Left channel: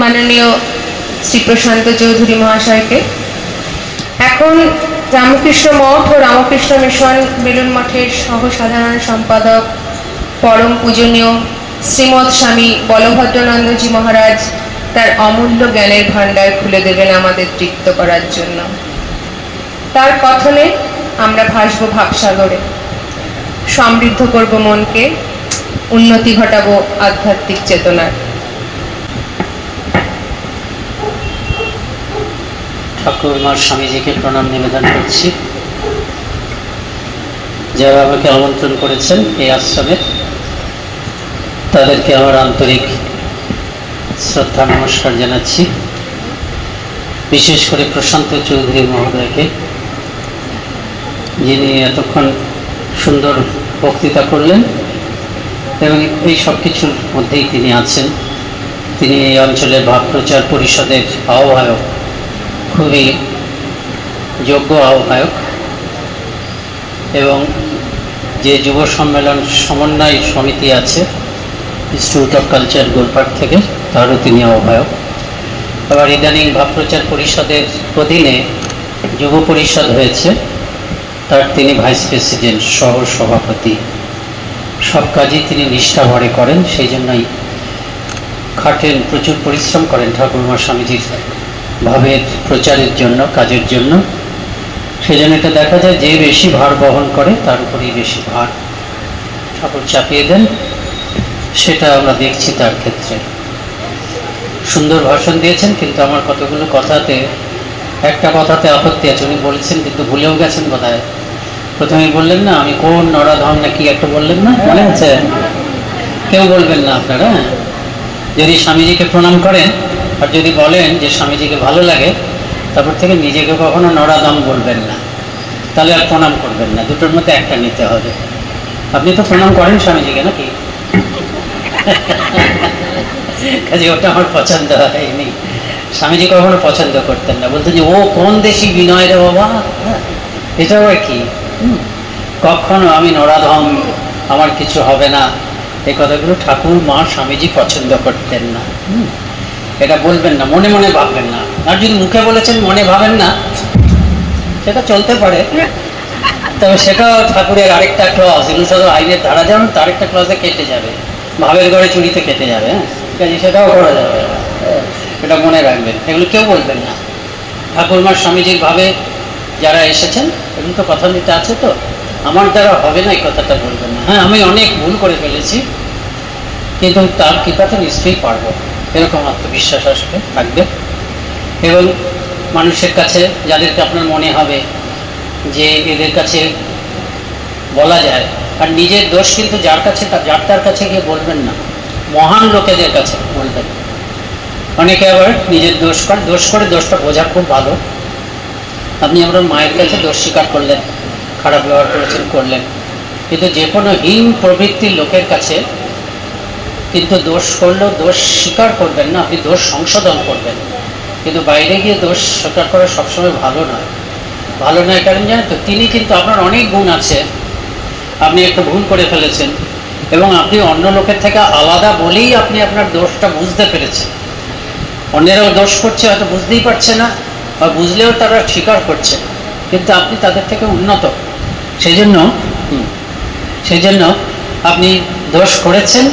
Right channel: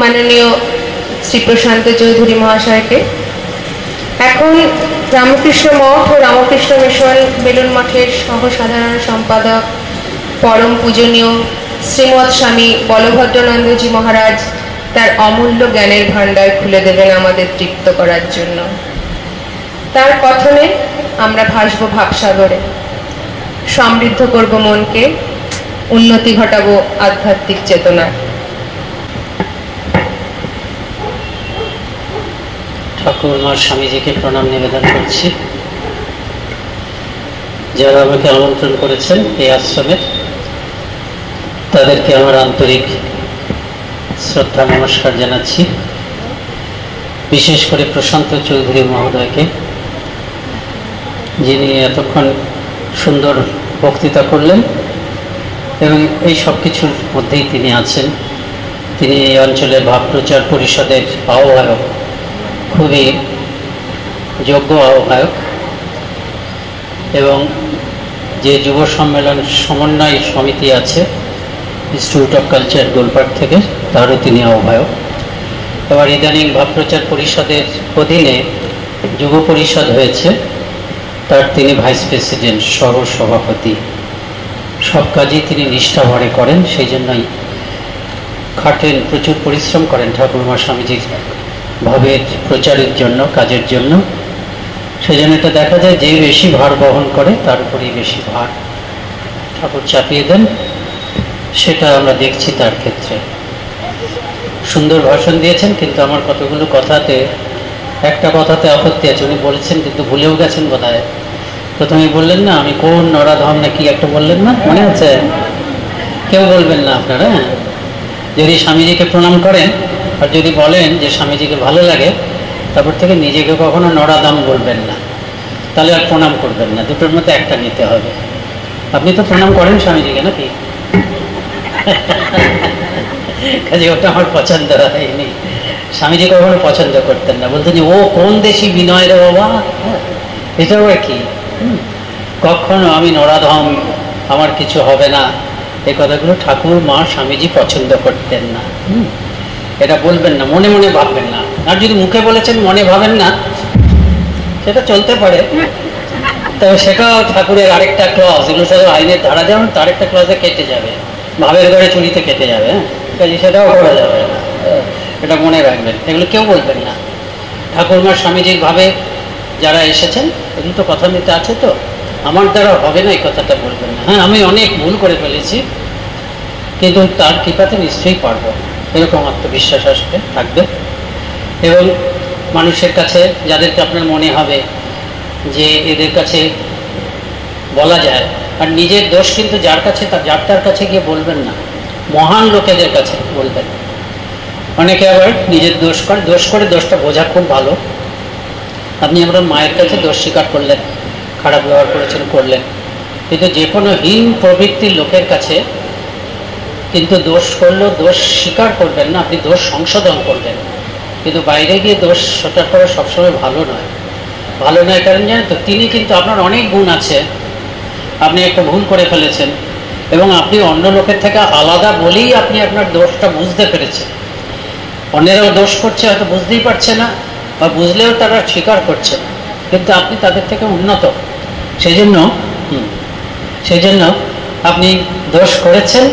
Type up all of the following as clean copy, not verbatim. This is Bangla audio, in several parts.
माननीय श्री प्रशांत चौधरी महाशय के এখন রামকৃষ্ণ মঠ ও রামকৃষ্ণ মিশন বেলুন মঠের সহ-সাধারণ সম্পাদক পরম পূজনীয় শ্রীমৎ স্বামী বলভদ্রানন্দজি মহারাজ তার অমূল্য জ্ঞানের ভান্ডার খুলে দেবেন আমাদের তৃপ্ত করার জন্য। তার কথনে আমরা ভাসব ভাবসাগরে, সমৃদ্ধ করব মনকে, উন্নতি ঘটাবো আধ্যাত্মিক চেতনা। ঠাকুরমার স্বামীজিকে প্রণাম নিবেদন করছি, যারা আমাকে আমন্ত্রণ করেছেন এই আশ্রমে তাদেরকে আমার আন্তরিক শ্রদ্ধা নমস্কার জানাচ্ছি। বিশেষ করে প্রশান্ত চৌধুরী মহোদয়কে, যিনি এতক্ষণ সুন্দর বক্তৃতা করলেন এবং এই সব কিছুর মধ্যেই তিনি আছেন। তিনি এই অঞ্চলের ভাব প্রচার পরিষদের আহ্বায়ক, খুবই যোগ্য আহ্বায়ক, এবং যে যুব সম্মেলন সমন্বয় সমিতি আছে ইনস্টিটিউট অফ কালচার গোলপাট থেকে, তারও তিনি আহ্বায়ক। আবার ইদানিং ভাব প্রচার পরিষদের অধীনে যুব পরিষদ হয়েছে, তার তিনি ভাইস প্রেসিডেন্ট, সহ সভাপতি। সব কাজই তিনি নিষ্ঠা ভরে করেন, সেই জন্যই খাটেন, প্রচুর পরিশ্রম করেন ঠাকুরমা স্বামীজির ভাবের প্রচারের জন্য, কাজের জন্য। সেই জন্য এটা দেখা যায় যে বেশি ভার বহন করে তার উপরেই বেশি ভার ঠাকুর চাপিয়ে দেন, সেটা আমরা দেখছি তার ক্ষেত্রে। সুন্দর ভাষণ দিয়েছেন, কিন্তু আমার কতগুলো কথাতে, একটা কথাতে আপত্তি আছে। উনি বলেছেন কিন্তু ভুলেও গেছেন বোধহয়। প্রথমেই বললেন না আমি কোন নরাধম না কি একটা বললেন না, মনে আছে? কেউ বলবেন না আপনারা। যদি স্বামীজিকে প্রণাম করেন আর যদি বলেন যে স্বামীজিকে ভালো লাগে, তারপর থেকে নিজেকে কখনো নরাধম বলবেন না, তাহলে আর প্রণাম করবেন না। দুটোর মধ্যে একটা নিতে হবে। আপনি তো প্রণাম করেন স্বামীজিকে নাকি? কাজে ওটা আমার পছন্দ হয়নি। স্বামীজি কখনো পছন্দ করতেন না, বলতেন যে ও কোন দেশি বিনয় রে বাবা, এটা আবার কি? কখনো আমি নরাধম, আমার কিছু হবে না, এই কথাগুলো ঠাকুর মা স্বামীজি পছন্দ করতেন না। এটা বলবেন না, মনে মনে ভাববেন না। আর যদি মুখে বলেছেন মনে ভাবেন না, সেটা চলতে পারে, তবে সেটাও ঠাকুরের আরেকটা ক্লজ, ইলুসাদ আইনের ধারা যেমন তার একটা ক্লজে কেটে যাবে, ভাবের ঘরে চুরিতে কেটে যাবে। কাজে সেটাও করা যাবে, এটা মনে রাখবেন। এগুলো কেউ বলবেন না। ঠাকুরমার স্বামীজির ভাবে যারা এসেছেন, এগুলো তো কথা নিতে আছে, তো আমার দ্বারা হবে না এই কথাটা বলবেন না। হ্যাঁ, আমি অনেক ভুল করে ফেলেছি, কিন্তু তার কৃপাতে নিশ্চয়ই পারবো, এরকম আত্মবিশ্বাস আসবে, থাকবে। এবং মানুষের কাছে যাদেরকে আপনার মনে হবে যে এদের কাছে বলা যায়, আর নিজের দোষ কিন্তু যার কাছে তার কাছে গিয়ে বলবেন না, মহান লোকেদের কাছে বলবেন। অনেকে আবার নিজের দোষ করে দোষটা বোঝা খুব ভালো। আপনি আপনার মায়ের কাছে দোষ স্বীকার করলেন, খারাপ ব্যবহার করেছেন, করলেন, কিন্তু যে কোনো হীন প্রবৃত্তির লোকের কাছে কিন্তু দোষ করলেও দোষ স্বীকার করবেন না, আপনি দোষ সংশোধন করবেন। কিন্তু বাইরে গিয়ে দোষ স্বীকার করা সবসময় ভালো নয়। ভালো নয় কারণ জানেন তো, তিনি কিন্তু আপনার অনেক গুণ আছে, আপনি একটু ভুল করে ফেলেছেন এবং আপনি অন্য লোকের থেকে আলাদা বলেই আপনি আপনার দোষটা বুঝতে পেরেছেন। অন্যেরাও দোষ করছে, হয়তো বুঝতেই পারছে না, বা বুঝলেও তারা স্বীকার করছে, কিন্তু আপনি তাদের থেকে উন্নত। সেই জন্য আপনি দোষ করেছেন,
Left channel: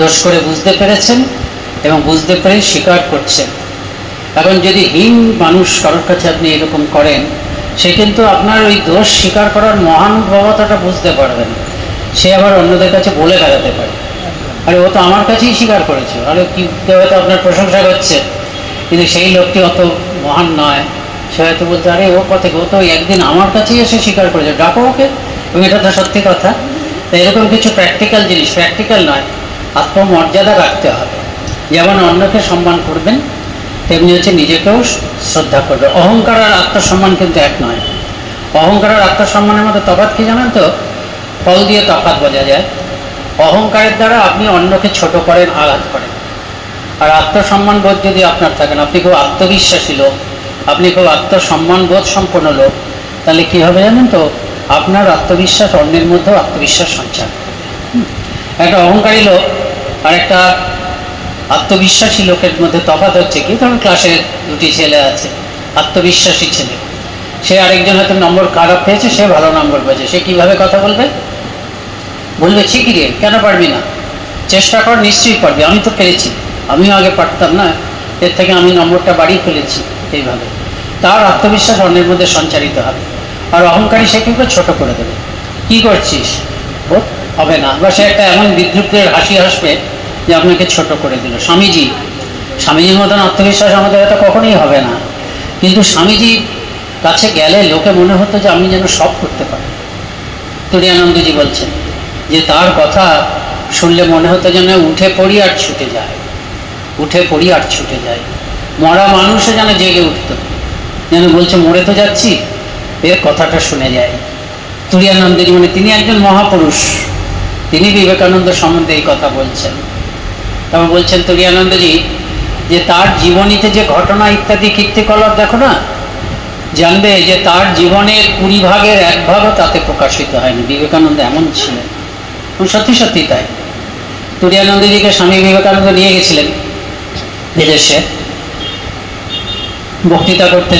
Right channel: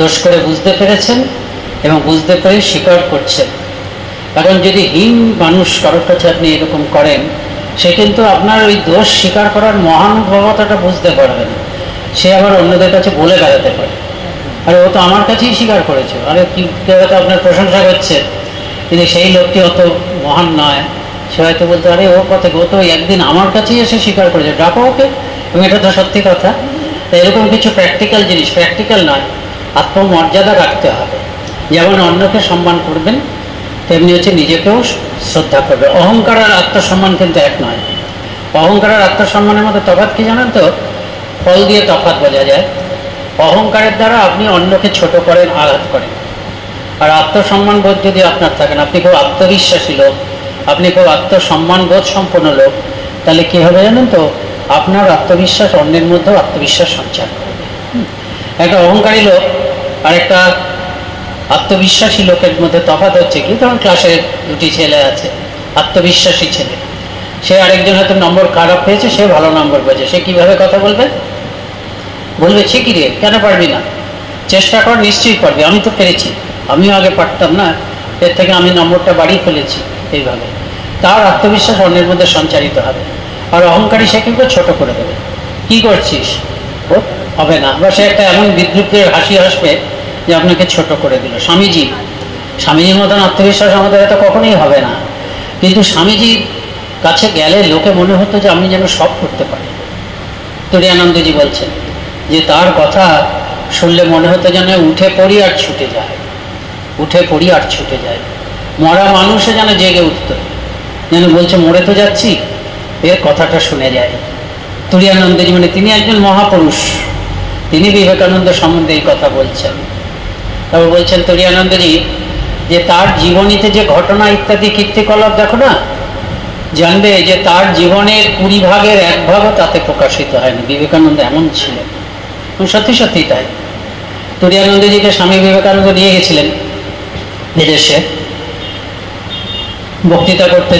দোষ করে বুঝতে পেরেছেন এবং বুঝতে পেরে স্বীকার করছেন। এখন যদি হীন মানুষ কারোর কাছে আপনি এরকম করেন, সে কিন্তু আপনার ওই দোষ স্বীকার করার মহানুভবতাটা বুঝতে পারবেন। সে আবার অন্যদের কাছে বলে বেড়াতে পারে, আরে ও তো আমার কাছেই স্বীকার করেছে, আরে কি কেউ হয়তো আপনার প্রশংসা করছে, কিন্তু সেই লোকটি অত মহান নয়। সে হয়তো বলতে আরে ও কথা, ও তো একদিন আমার কাছেই এসে স্বীকার করেছে, ডাকো ওকে। এবং এটা তো সত্যি কথা। তাই এরকম কিছু প্র্যাকটিক্যাল জিনিস, প্র্যাকটিক্যাল নয়, আত্মমর্যাদা রাখতে হবে। যেমন অন্যকে সম্মান করবেন, তেমনি হচ্ছে নিজেকেও শ্রদ্ধা করবে। অহংকার আর আত্মসম্মান কিন্তু এক নয়। অহংকার আর আত্মসম্মানের মধ্যে তফাৎ কি জানেন তো? ফল দিয়ে তফাৎ বোঝা যায়। অহংকারের দ্বারা আপনি অন্যকে ছোট করেন, আঘাত করেন। আর আত্মসম্মান বোধ যদি আপনার থাকেন, আপনি খুব আত্মবিশ্বাসী লোক, আপনি খুব আত্মসম্মান বোধ সম্পন্ন লোক, তাহলে কি হবে জানেন তো, আপনার আত্মবিশ্বাস অন্যের মধ্যেও আত্মবিশ্বাস সঞ্চার হবে। একটা অহংকারী লোক আর একটা আত্মবিশ্বাসী লোকের মধ্যে তফাৎ হচ্ছে কি, কারণ ক্লাসে দুটি ছেলে আছে, আত্মবিশ্বাসী ছেলে, সে আরেকজন হয়তো নম্বর খারাপ পেয়েছে, সে ভালো নম্বর পেয়েছে, সে কিভাবে কথা বলবে? বলবে ঠিকই রে, কেন পারবি না, চেষ্টা কর, নিশ্চয়ই পারবি, আমি তো পেরেছি, আমিও আগে পারতাম না, এর থেকে আমি নম্বরটা বাড়িয়ে ফেলেছি। এইভাবে তার আত্মবিশ্বাস অন্যের মধ্যে সঞ্চারিত হবে। আর অহংকারী সে কিন্তু ছোট করে দেবে, কি করছিস, ও হবে না, বা সে একটা এমন বিদ্রুপের হাসি হাসবে যে আপনাকে ছোট করে দিল। স্বামীজির মতন আত্মবিশ্বাস আমাদের হয়তো কখনোই হবে না, কিন্তু স্বামীজির কাছে গেলে লোকে মনে হতো যে আমি যেন সব করতে পারি। তুরীয়ানন্দজি বলছেন যে তার কথা শুনলে মনে হতো যেন উঠে পড়ি আর ছুটে যায়, উঠে পড়ি আর ছুটে যায়। মরা মানুষে যেন জেগে উঠত, যেন বলছে মরে তো যাচ্ছি, এর কথাটা শুনে যায়। তুরীয়ানন্দজি মানে তিনি একজন মহাপুরুষ, তিনি বিবেকানন্দ সম্বন্ধে এই কথা বলছেন। তারপর বলছেন তুরীয়ানন্দজি যে তার জীবনীতে যে ঘটনা ইত্যাদি কীর্তিকলাপ দেখো না, জানবে যে তার জীবনের 20 ভাগের 1 ভাগও তাতে প্রকাশিত হয়নি। বিবেকানন্দ এমন ছিলেন, সত্যি সত্যি তাই। তুরীয়ানন্দজিকে স্বামী বিবেকানন্দ নিয়ে গেছিলেন বিদেশে, বক্তৃতা করতে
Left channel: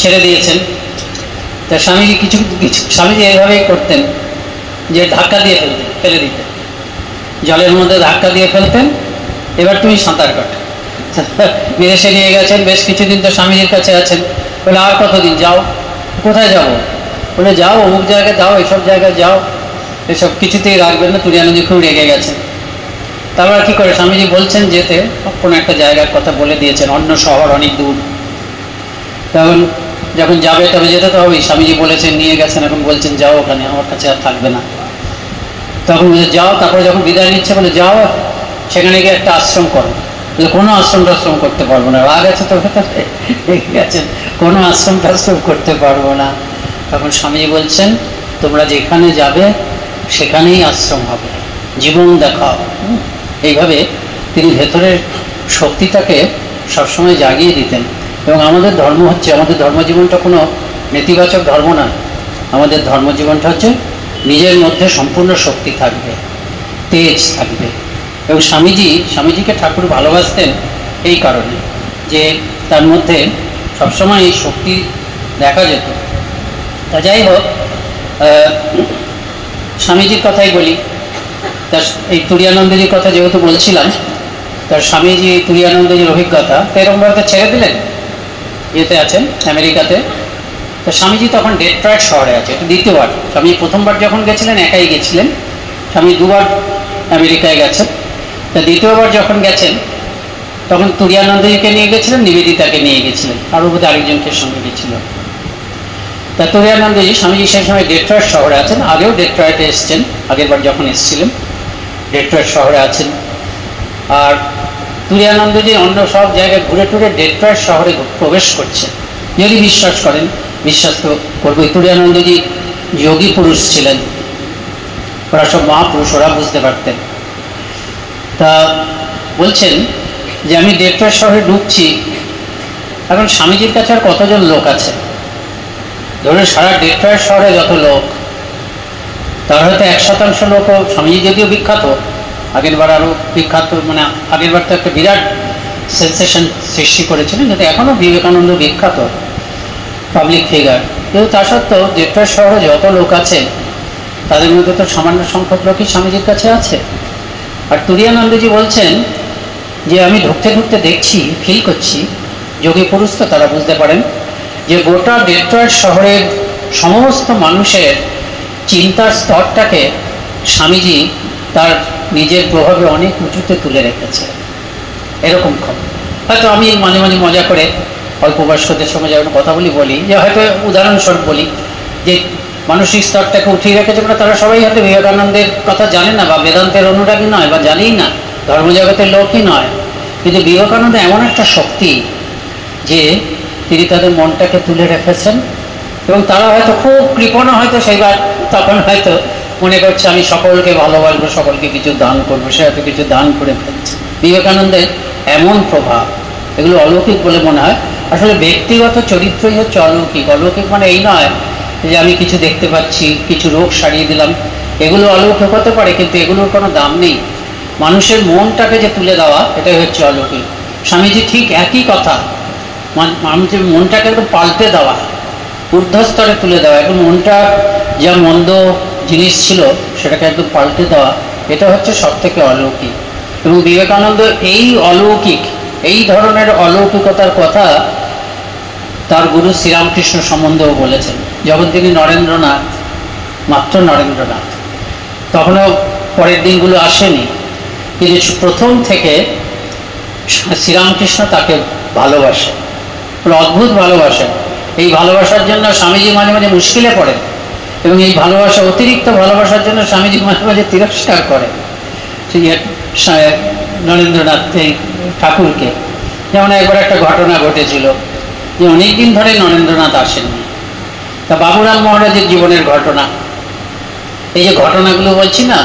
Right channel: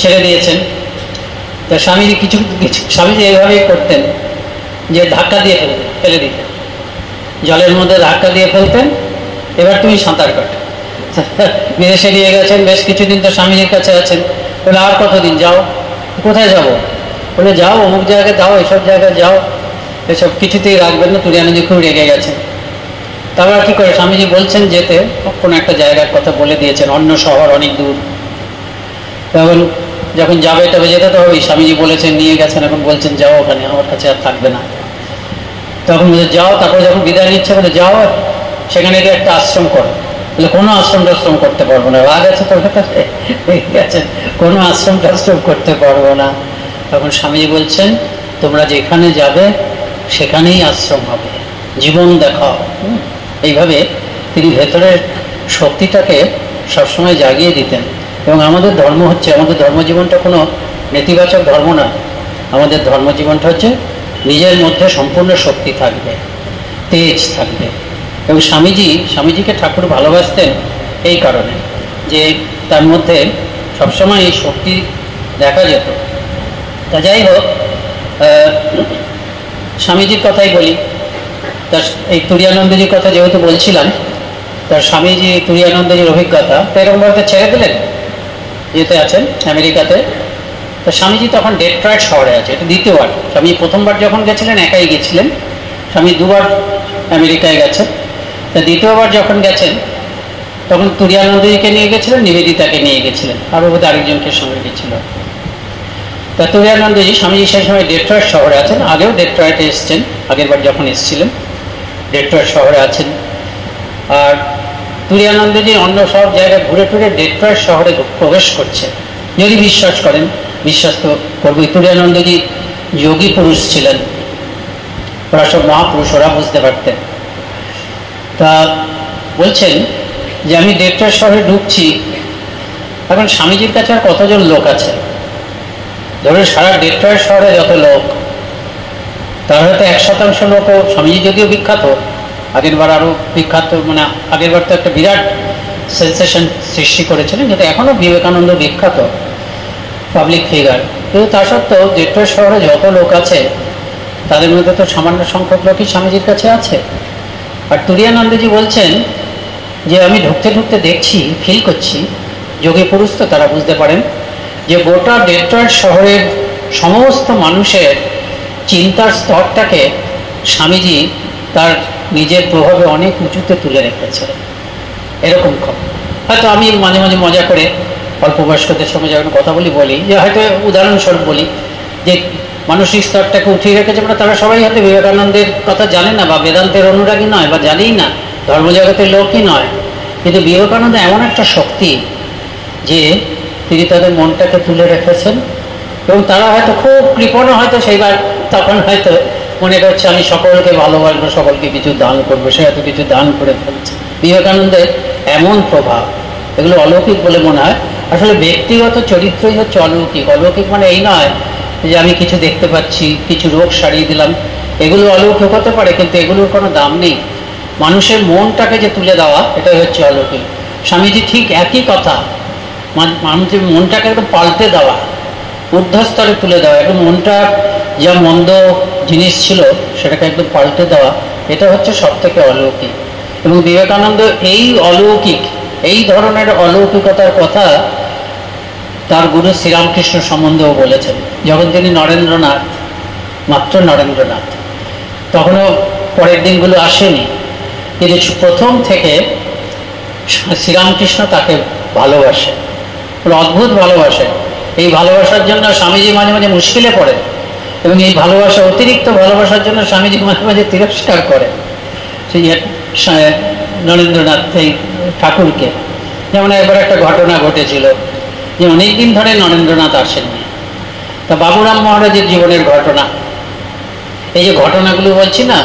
ছেড়ে দিয়েছেন। তা স্বামীজি কিছু স্বামীজি এইভাবেই করতেন যে ধাক্কা দিয়ে ফেলে দিতেন, জলের মধ্যে ধাক্কা দিয়ে ফেলতেন, এবার তুমি সাঁতার কাটো। বিদেশে নিয়ে গেছেন, বেশ কিছুদিন তো স্বামীজির কাছে আছেন। বলে আর কতদিন, যাও, কোথায় যাবো? বলে যাও অমুক জায়গায় যাও, এসব জায়গায় যাও, এসব কিছুতেই রাখবেন না। তুরীয়ানন্দজি খুব রেগে গেছেন। তারপর কি করে, স্বামীজি বলছেন যেতে, কোনো একটা জায়গার কথা বলে দিয়েছেন, অন্য শহর অনেক দূর। তখন যখন যাবে তবে যেতে তো হবেই, স্বামীজি বলেছেন, নিয়ে গেছেন, এখন বলছেন যাও ওখানে, আমার কাছে আর থাকবে না। তখন যাও, তারপরে যখন বিদায় নিচ্ছে বলে যাও সেখানে গিয়ে একটা আশ্রম করো। বলে কোনো আশ্রম টাশ্রম করতে পারবো না, রাগ আছে তো গেছেন, কোনো আশ্রম টাশ্রম করতে পারবো না। তখন স্বামীজি বলছেন তোমরা যেখানে যাবে সেখানেই আশ্রম হবে, জীবন দেখাও। এইভাবে তিনি ভেতরের শক্তিটাকে সবসময় জাগিয়ে দিতেন। এবং আমাদের ধর্ম হচ্ছে, আমাদের ধর্মজীবনটা কোনো নেতিবাচক ধর্ম না, আমাদের ধর্মজীবনটা হচ্ছে নিজের মধ্যে সম্পূর্ণ শক্তি থাকবে, তেজ থাকবে। এবং স্বামীজিকে ঠাকুর ভালোবাসতেন এই কারণে যে তার মধ্যে সবসময় এই শক্তি দেখা যেত। তা যাই হোক, স্বামীজির কথাই বলি। তা এই তুরীয়ানন্দজির কথা যেহেতু বলছিলাম, তার স্বামীজি তুরীয়ানন্দজির অভিজ্ঞতা এরকমভাবে ছেড়ে দিলেন, ইয়েতে আছেন আমেরিকাতে। তো স্বামীজি তখন ডেট্রয়েট শহরে আছে, এটা দ্বিতীয়বার। স্বামীজি প্রথমবার যখন গেছিলেন একাই গেছিলেন, স্বামী 2 বার আমেরিকায় গেছেন। তা দ্বিতীয়বার যখন গেছেন তখন তুরীয়ানন্দজিকে নিয়ে গেছিলেন, নিবেদিতাকে নিয়ে গেছিলেন, আরও বোধহয় আরেকজনকে সঙ্গে গেছিলেন। তা তুরীয়ানন্দজি স্বামীজি সেই সময় ডেট্রয়েট শহরে আছেন, আগেও ডেট্রয়েটে এসছেন, আগের বার যখন এসেছিলেন ডেট্রয়েট শহরে আছেন। আর তুরীয়ানন্দজি অন্য সব জায়গায় ঘুরে টুরে ডেট্রয়েট শহরে প্রবেশ করছে। যদি বিশ্বাস করেন, বিশ্বাস তো করবই, তুরীয়ানন্দজি যোগী পুরুষ ছিলেন, ওরা সব মহাপুরুষ, ওরা বুঝতে পারতেন। তা বলছেন যে আমি ডেট্রয়েট শহরে ঢুকছি, এখন স্বামীজির কাছে আর কতজন লোক আছে, ধরুন সারা ডেট্রয়েট শহরে যত লোক, তার হয়তো 1% লোকও, স্বামীজি যদিও বিখ্যাত, আগের বার আরও বিখ্যাত, মানে আগের বার তো একটা বিরাট সেন্সেশন সৃষ্টি করেছিলেন, যাতে এখনও বিবেকানন্দ বিখ্যাত পাবলিক ফিগার, কিন্তু তা সত্ত্বেও ডেট্রয়েট শহরে যত লোক আছে তাদের মধ্যে তো সামান্য সংখ্যক লোকই স্বামীজির কাছে আছে। আর তুরীয়ানন্দজি বলছেন যে আমি ঢুকতে ঢুকতে দেখছি, ফিল করছি, যোগী পুরুষ তো তারা বুঝতে পারেন, যে গোটা ডেট্রয়েট শহরের সমস্ত মানুষের চিন্তার স্তরটাকে স্বামীজি তার নিজের প্রভাবে অনেক উঁচুতে তুলে রেখেছে। এরকম হয়তো আমি মাঝে মাঝে মজা করে অল্প বয়স্কদের সঙ্গে যখন কথা বলি যে হয়তো উদাহরণস্বরূপ বলি যে মানসিক স্তরটাকে উঠিয়ে রেখেছে, তারা সবাই হয়তো বিবেকানন্দের কথা জানে না, বা বেদান্তের অনুরাগী নয়, বা জানেই না, ধর্মজগতের লোকই নয়, কিন্তু বিবেকানন্দ এমন একটা শক্তি যে তিনি তাদের মনটাকে তুলে রেখেছেন। এবং তারা হয়তো খুব কৃপণ, হয়তো সেইবার তখন হয়তো মনে করছে আমি সকলকে ভালোবাসবো, সকলকে কিছু দান করবো, সে এত কিছু দান করে ফেলছে। বিবেকানন্দের এমন প্রভাব, এগুলো অলৌকিক বলে মনে হয়। আসলে ব্যক্তিগত চরিত্রই হচ্ছে অলৌকিক। অলৌকিক মানে এই নয় যে আমি কিছু দেখতে পাচ্ছি, কিছু রোগ সারিয়ে দিলাম, এগুলো অলৌকিক হতে পারে, কিন্তু এগুলোর কোনো দাম নেই। মানুষের মনটাকে যে তুলে দেওয়া, এটাই হচ্ছে অলৌকিক। স্বামীজি ঠিক একই কথা, মানুষের মনটাকে একদম পাল্টে দেওয়া, ঊর্ধ্বস্তরে তুলে দেওয়া, একদম মনটা যা মন্দ জিনিস ছিল সেটাকে একদম পাল্টে দেওয়া, এটা হচ্ছে সব থেকে অলৌকিক। এবং বিবেকানন্দ এই অলৌকিক, এই ধরনের অলৌকিকতার কথা তার গুরু শ্রীরামকৃষ্ণ সম্বন্ধেও বলেছেন। যখন তিনি নরেন্দ্রনাথ, মাত্র নরেন্দ্রনাথ, তখনও পরের দিনগুলো আসেনি, কিন্তু প্রথম থেকে শ্রীরামকৃষ্ণ তাকে ভালোবাসে, অদ্ভুত ভালোবাসে। এই ভালোবাসার জন্য স্বামীজি মাঝে মাঝে মুশকিলে পড়েন, এবং এই ভালোবাসা, অতিরিক্ত ভালোবাসার জন্য স্বামীজি মাঝে মাঝে তিরস্কার করেন সেই নরেন্দ্রনাথ ঠাকুরকে। যেমন একবার একটা ঘটনা ঘটেছিল যে অনেকদিন ধরে নরেন্দ্রনাথ আসেননি। তা বাবুরাম মহারাজের জীবনের ঘটনা, এই যে ঘটনাগুলো বলছি না,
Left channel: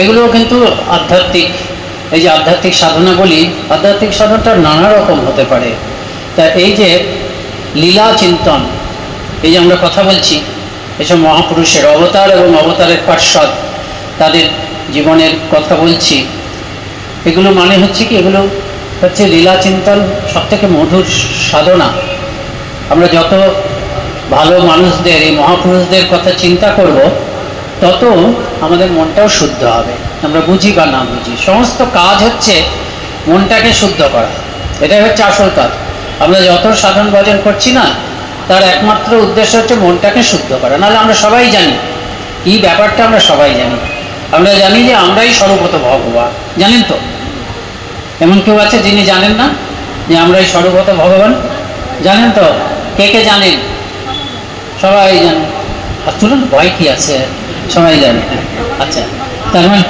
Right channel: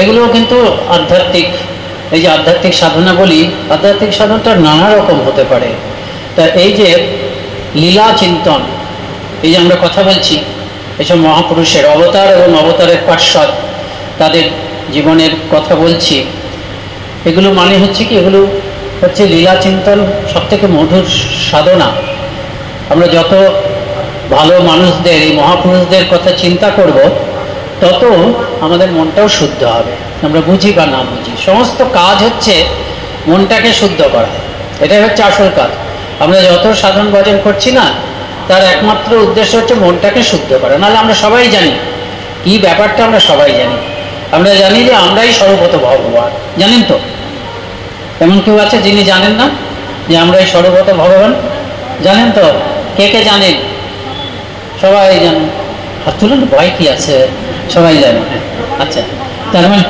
এগুলোও কিন্তু আধ্যাত্মিক। এই যে আধ্যাত্মিক সাধনা বলি, আধ্যাত্মিক সাধনটা নানা রকম হতে পারে। তা এই যে লীলা চিন্তন, এই যে আমরা কথা বলছি, এসব মহাপুরুষের অবতার এবং অবতারের পার্শ্বদ, তাদের জীবনের কথা বলছি, এগুলো মানে হচ্ছে কি, এগুলো হচ্ছে লীলা চিন্তন, সব থেকে মধুর সাধনা। আমরা যত ভালো মানুষদের, এই মহাপুরুষদের কথা চিন্তা করব, তত আমাদের মনটাও শুদ্ধ হবে। আমরা বুঝি বা না বুঝি, সমস্ত কাজ হচ্ছে মনটাকে শুদ্ধ করা, এটাই হচ্ছে আসল কাজ। আমরা যত সাধন ভজন করছি না, তার একমাত্র উদ্দেশ্য হচ্ছে মনটাকে শুদ্ধ করা। নাহলে আমরা সবাই জানি কি ব্যাপারটা, আমরা সবাই জানি। আমরা জানি যে আমরাই সর্বত ভগবান, জানেন তো? এমন কেউ আছে যিনি জানেন না যে আমরাই সর্বত ভগবান? জানেন তো? কে কে জানেন? সবাই জানেন। আর তুলুন, ভয় কি আছে, সবাই জানে। আচ্ছা, তার মানে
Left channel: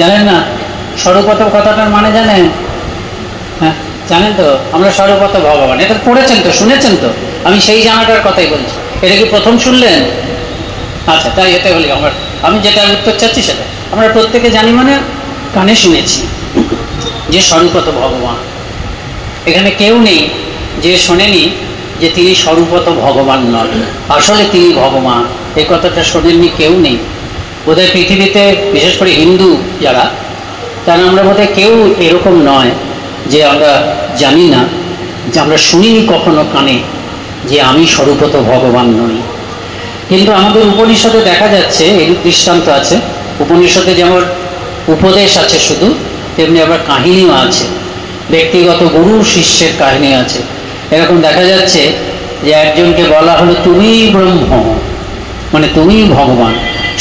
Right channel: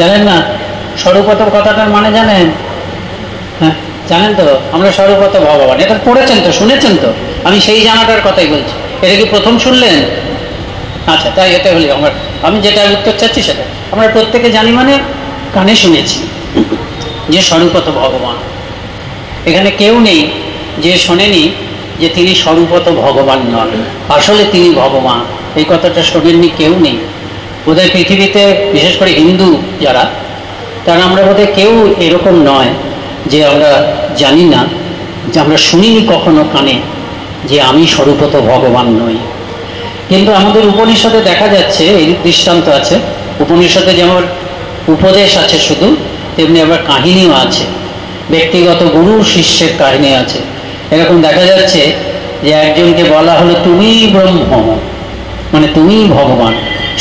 জানেন না সর্বত কথাটার মানে জানেন? হ্যাঁ, জানেন তো আমরা সর্বত ভগবান। এটা পড়েছেন তো, শুনেছেন তো? আমি সেই জানাটার কথাই বলছি। এটা কি প্রথম শুনলেন? আচ্ছা, তাই এটা হলে আমি যেটা উত্তর চাচ্ছি সেটা আমরা প্রত্যেকে জানি, মানে কানে শুনেছি যে স্বরূপত ভগবান। এখানে কেউ নেই যে শোনেনি যে তিনি স্বরূপত ভগবান নন, আসলে তিনি ভগবান। এই কথাটা শোনেননি কেউ নেই বোধহয় পৃথিবীতে, বিশেষ করে হিন্দু যারা, তারা আমরা বোধহয় কেউ এরকম নয় যে আমরা জানি না, যে আমরা শুনিনি কখনো কানে যে আমি স্বরূপত ভগবান নই। কিন্তু আমাদের উপনিষদে দেখা যাচ্ছে এর দৃষ্টান্ত আছে। উপনিষদে যেমন উপদেশ আছে শুধু, তেমনি আবার কাহিনীও আছে, ব্যক্তিগত গুরু শিষ্যের কাহিনী আছে। এরকম দেখা যাচ্ছে যে একজনকে বলা হলো তুমি ব্রহ্ম, মানে তুমি ভগবান,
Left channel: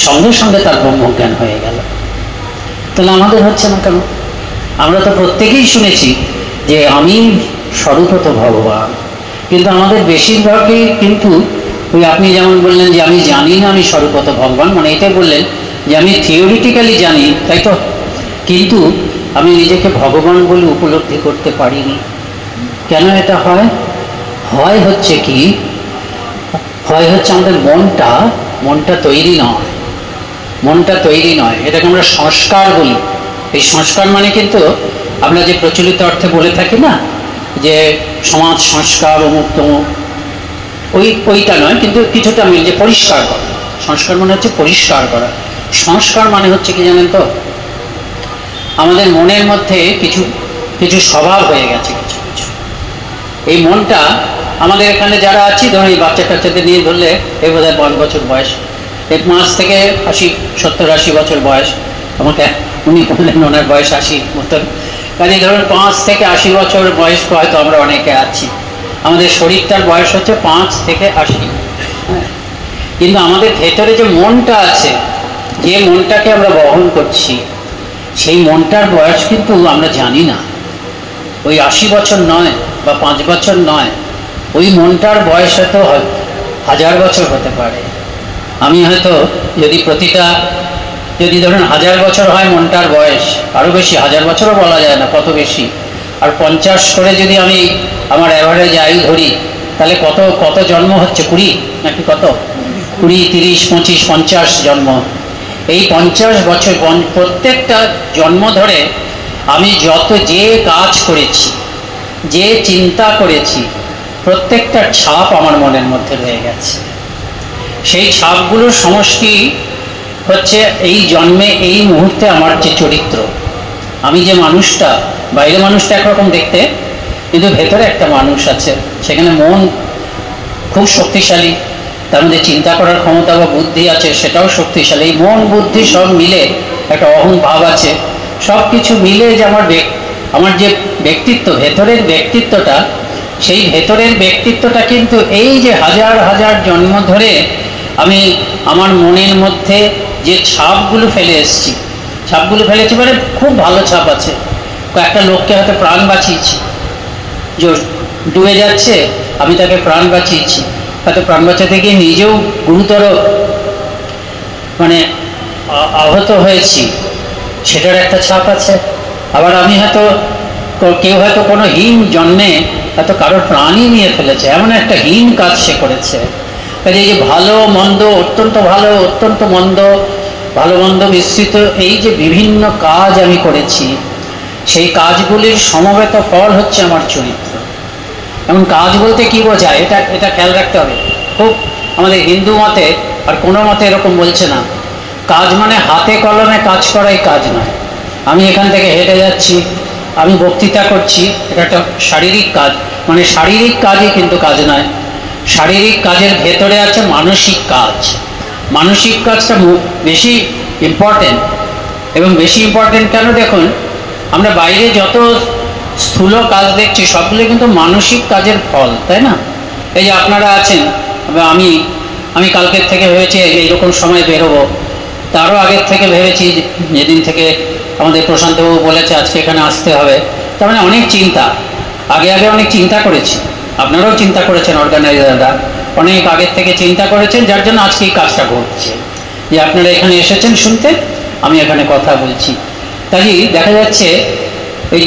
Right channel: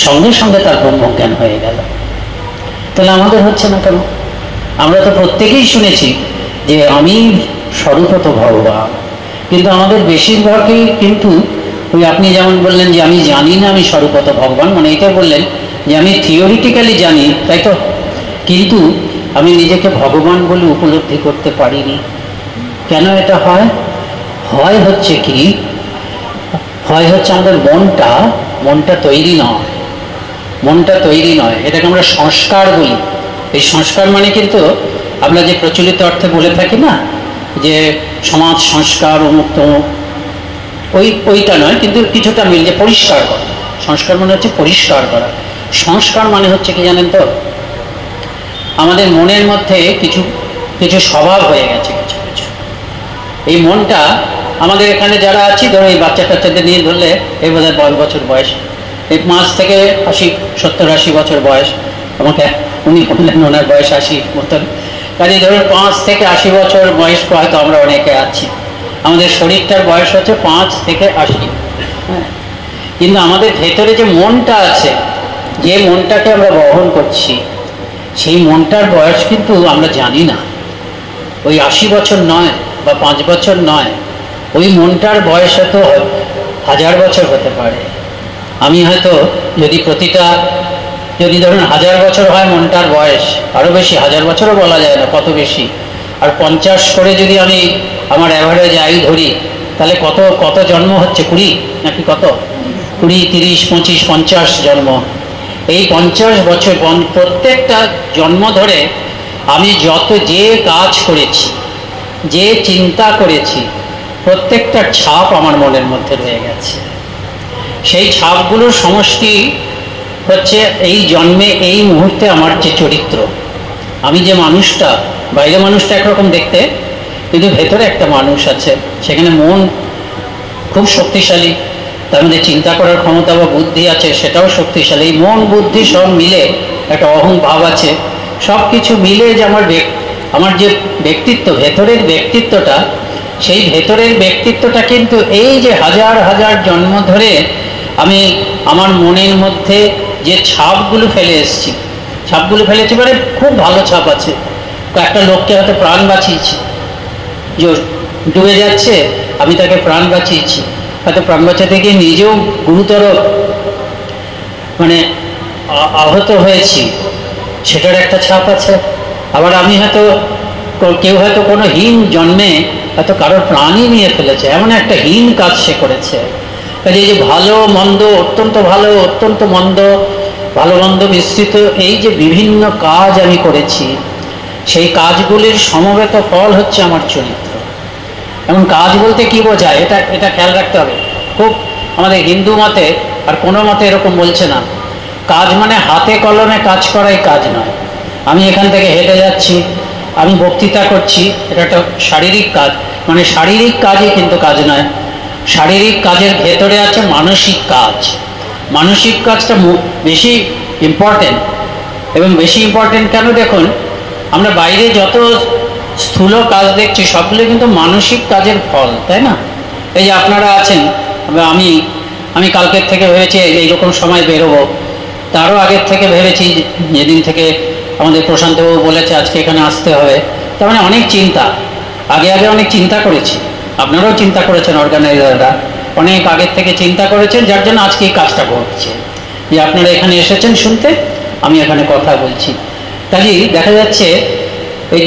সঙ্গে সঙ্গে তার ব্রহ্মজ্ঞান হয়ে গেল। তাহলে আমাদের হচ্ছে না কেন? আমরা তো প্রত্যেকেই শুনেছি যে আমি স্বরূপত ভগবান, কিন্তু আমাদের বেশিরভাগই কিন্তু ওই আপনি যেমন বললেন যে আমি জানি না আমি স্বরূপত ভগবান, মানে এটা বললেন যে আমি থিওরিটিক্যালি জানি, তাই তো, কিন্তু আমি নিজেকে ভগবান বলে উপলব্ধি করতে পারিনি। কেন এটা হয়? হয় হচ্ছে কি, হয় হচ্ছে আমাদের মনটা তৈরি নয়, মনটা তৈরি নয়, এটাকে আমরা সংস্কার বলি। এই সংস্কার মানে কিন্তু আমরা যে প্রচলিত অর্থে বলে থাকি না যে সমাজ সংস্কার, উন্মুক্ত, ওইটা নয়, কিন্তু কিছুটা মিল, যে পরিষ্কার করা। সংস্কার মানে হচ্ছে পরিষ্কার করা। সংস্কার মানে হচ্ছে কি জানেন তো, আমাদের মনের মধ্যে কিছু কিছু স্বভাব হয়ে গেছে, কিছু কিছু। এই মনটা আমাদের এখানে যারা আছি, ধরো এই বাচ্চা কাচ্চাদের নিয়ে ধরলে, এই বোধ হয় 10 বছর বয়স, এই 5 থেকে 70-80 বছর বয়স। আমাকে উনি বললেন ওনার বয়স 80 মতন, মানে ধরুন 5 থেকে 80 বছর বয়স হয়তো আমরা অনেকে আছি। আমাদের শরীরটার বয়স হচ্ছে 5 থেকে 80, কিন্তু আমাদের ভেতরে যে মনটা আছে, যে মনটাকে আমরা বহন করছি, সেই মনটার বয়স কিন্তু আমরা জানি না। ওই 80 বছর নয় বা 5 বছর নয়, ওই মনটার বয়স হয়তো 1000 বছর হতে পারে। আমি হয়তো যদি ধরুন 1000 বছর হয় মনটার বয়স, আরও বেশি, 1000 বছরও বলা যায় না কত বেশি, আর 50 করে যদি আমি আমার অ্যাভারেজ আয়ু ধরি, তাহলে কত জন্ম হচ্ছে? 20 নাকি কত? 20, 30, 25, 50 জন্ম, এই 50 বছর প্রত্যেকটা জন্ম ধরে আমি যে কাজ করেছি, যে চিন্তা করেছি, প্রত্যেকটা ছাপ আমার মনের মধ্যে রয়ে গেছে। সেই ছাপগুলোর সমষ্টি হচ্ছে এই জন্মে, এই মুহূর্তে আমার যে চরিত্র, আমি যে মানুষটা, বাইরে মানুষটা একরকম দেখতে, কিন্তু ভেতরে একটা মানুষ আছে, সেখানে মন খুব শক্তিশালী, তার মধ্যে চিন্তা করার ক্ষমতা বা বুদ্ধি আছে, সেটাও শক্তিশালী। এই মন বুদ্ধি সব মিলে একটা অহং ভাব আছে, সব কিছু মিলে যে আমার যে ব্যক্তিত্ব, ভেতরের ব্যক্তিত্বটা, সেই ভেতরের ব্যক্তিত্বটা কিন্তু এই যে হাজার হাজার জন্ম ধরে আমি আমার মনের মধ্যে যে ছাপগুলো ফেলে এসেছি, ছাপগুলো ফেলেছি মানে খুব ভালো ছাপ আছে। তো একটা লোককে হয়তো প্রাণ বাঁচিয়েছি, যে ডুবে যাচ্ছে, আমি তাকে প্রাণ বাঁচিয়েছি, হয়তো প্রাণ বাঁচাতে গিয়ে নিজেও গুরুতর মানে আহত হয়েছি, সেটার একটা ছাপ আছে। আবার আমি হয়তো, কেউ হয়তো কোনো হীন জন্মে হয়তো কারোর প্রাণই নিয়ে ফেলেছে, এমন একটা হীন কাজ সে করেছে। কাজে এই যে ভালো মন্দ, অত্যন্ত ভালো, অত্যন্ত মন্দ, ভালো মন্দ মিশ্রিত এই যে বিভিন্ন কাজ আমি করেছি, সেই কাজগুলির সমবেত ফল হচ্ছে আমার চরিত্র। এমন কাজ বলতে কি বোঝায়, এটা খেয়াল রাখতে হবে খুব। আমাদের হিন্দু মতে আর কোনো মতে এরকম বলছে না, কাজ মানে হাতে কলমে কাজ করাই কাজ নয়। আমি এখান থেকে হেঁটে যাচ্ছি, আমি বক্তৃতা করছি, এটা একটা শারীরিক কাজ, মানে শারীরিক কাজই কিন্তু কাজ নয়। শারীরিক কাজের ভেতরে আছে মানসিক কাজ। মানসিক কাজটা বেশি ইম্পর্টেন্ট। এবং বেশি ইম্পর্টেন্ট কেন, দেখুন আমরা বাইরে যত স্থূল কাজ দেখছি সবগুলো কিন্তু মানসিক কাজের ফল, তাই না? এই যে আপনারা আছেন, আমি কালকের থেকে ভেবেছি এইরকম সময় বেরোবো, তারও আগের থেকে ভেবেছি, যেদিন থেকে আমাদের প্রশান্তবাবু বলেছে আজকে এখানে আসতে হবে, তার মানে অনেক চিন্তা, আগে অনেক চিন্তা করেছি, আপনারাও চিন্তা করেছেন, অর্গানাইজাররা অনেক আগের থেকে চিন্তা করেছেন, যার জন্য আজকে এই কাজটা ঘটছে, যে আপনারা এখানে এসেছেন শুনতে, আমি এখানে কথা বলছি। তাই দেখা যাচ্ছে এই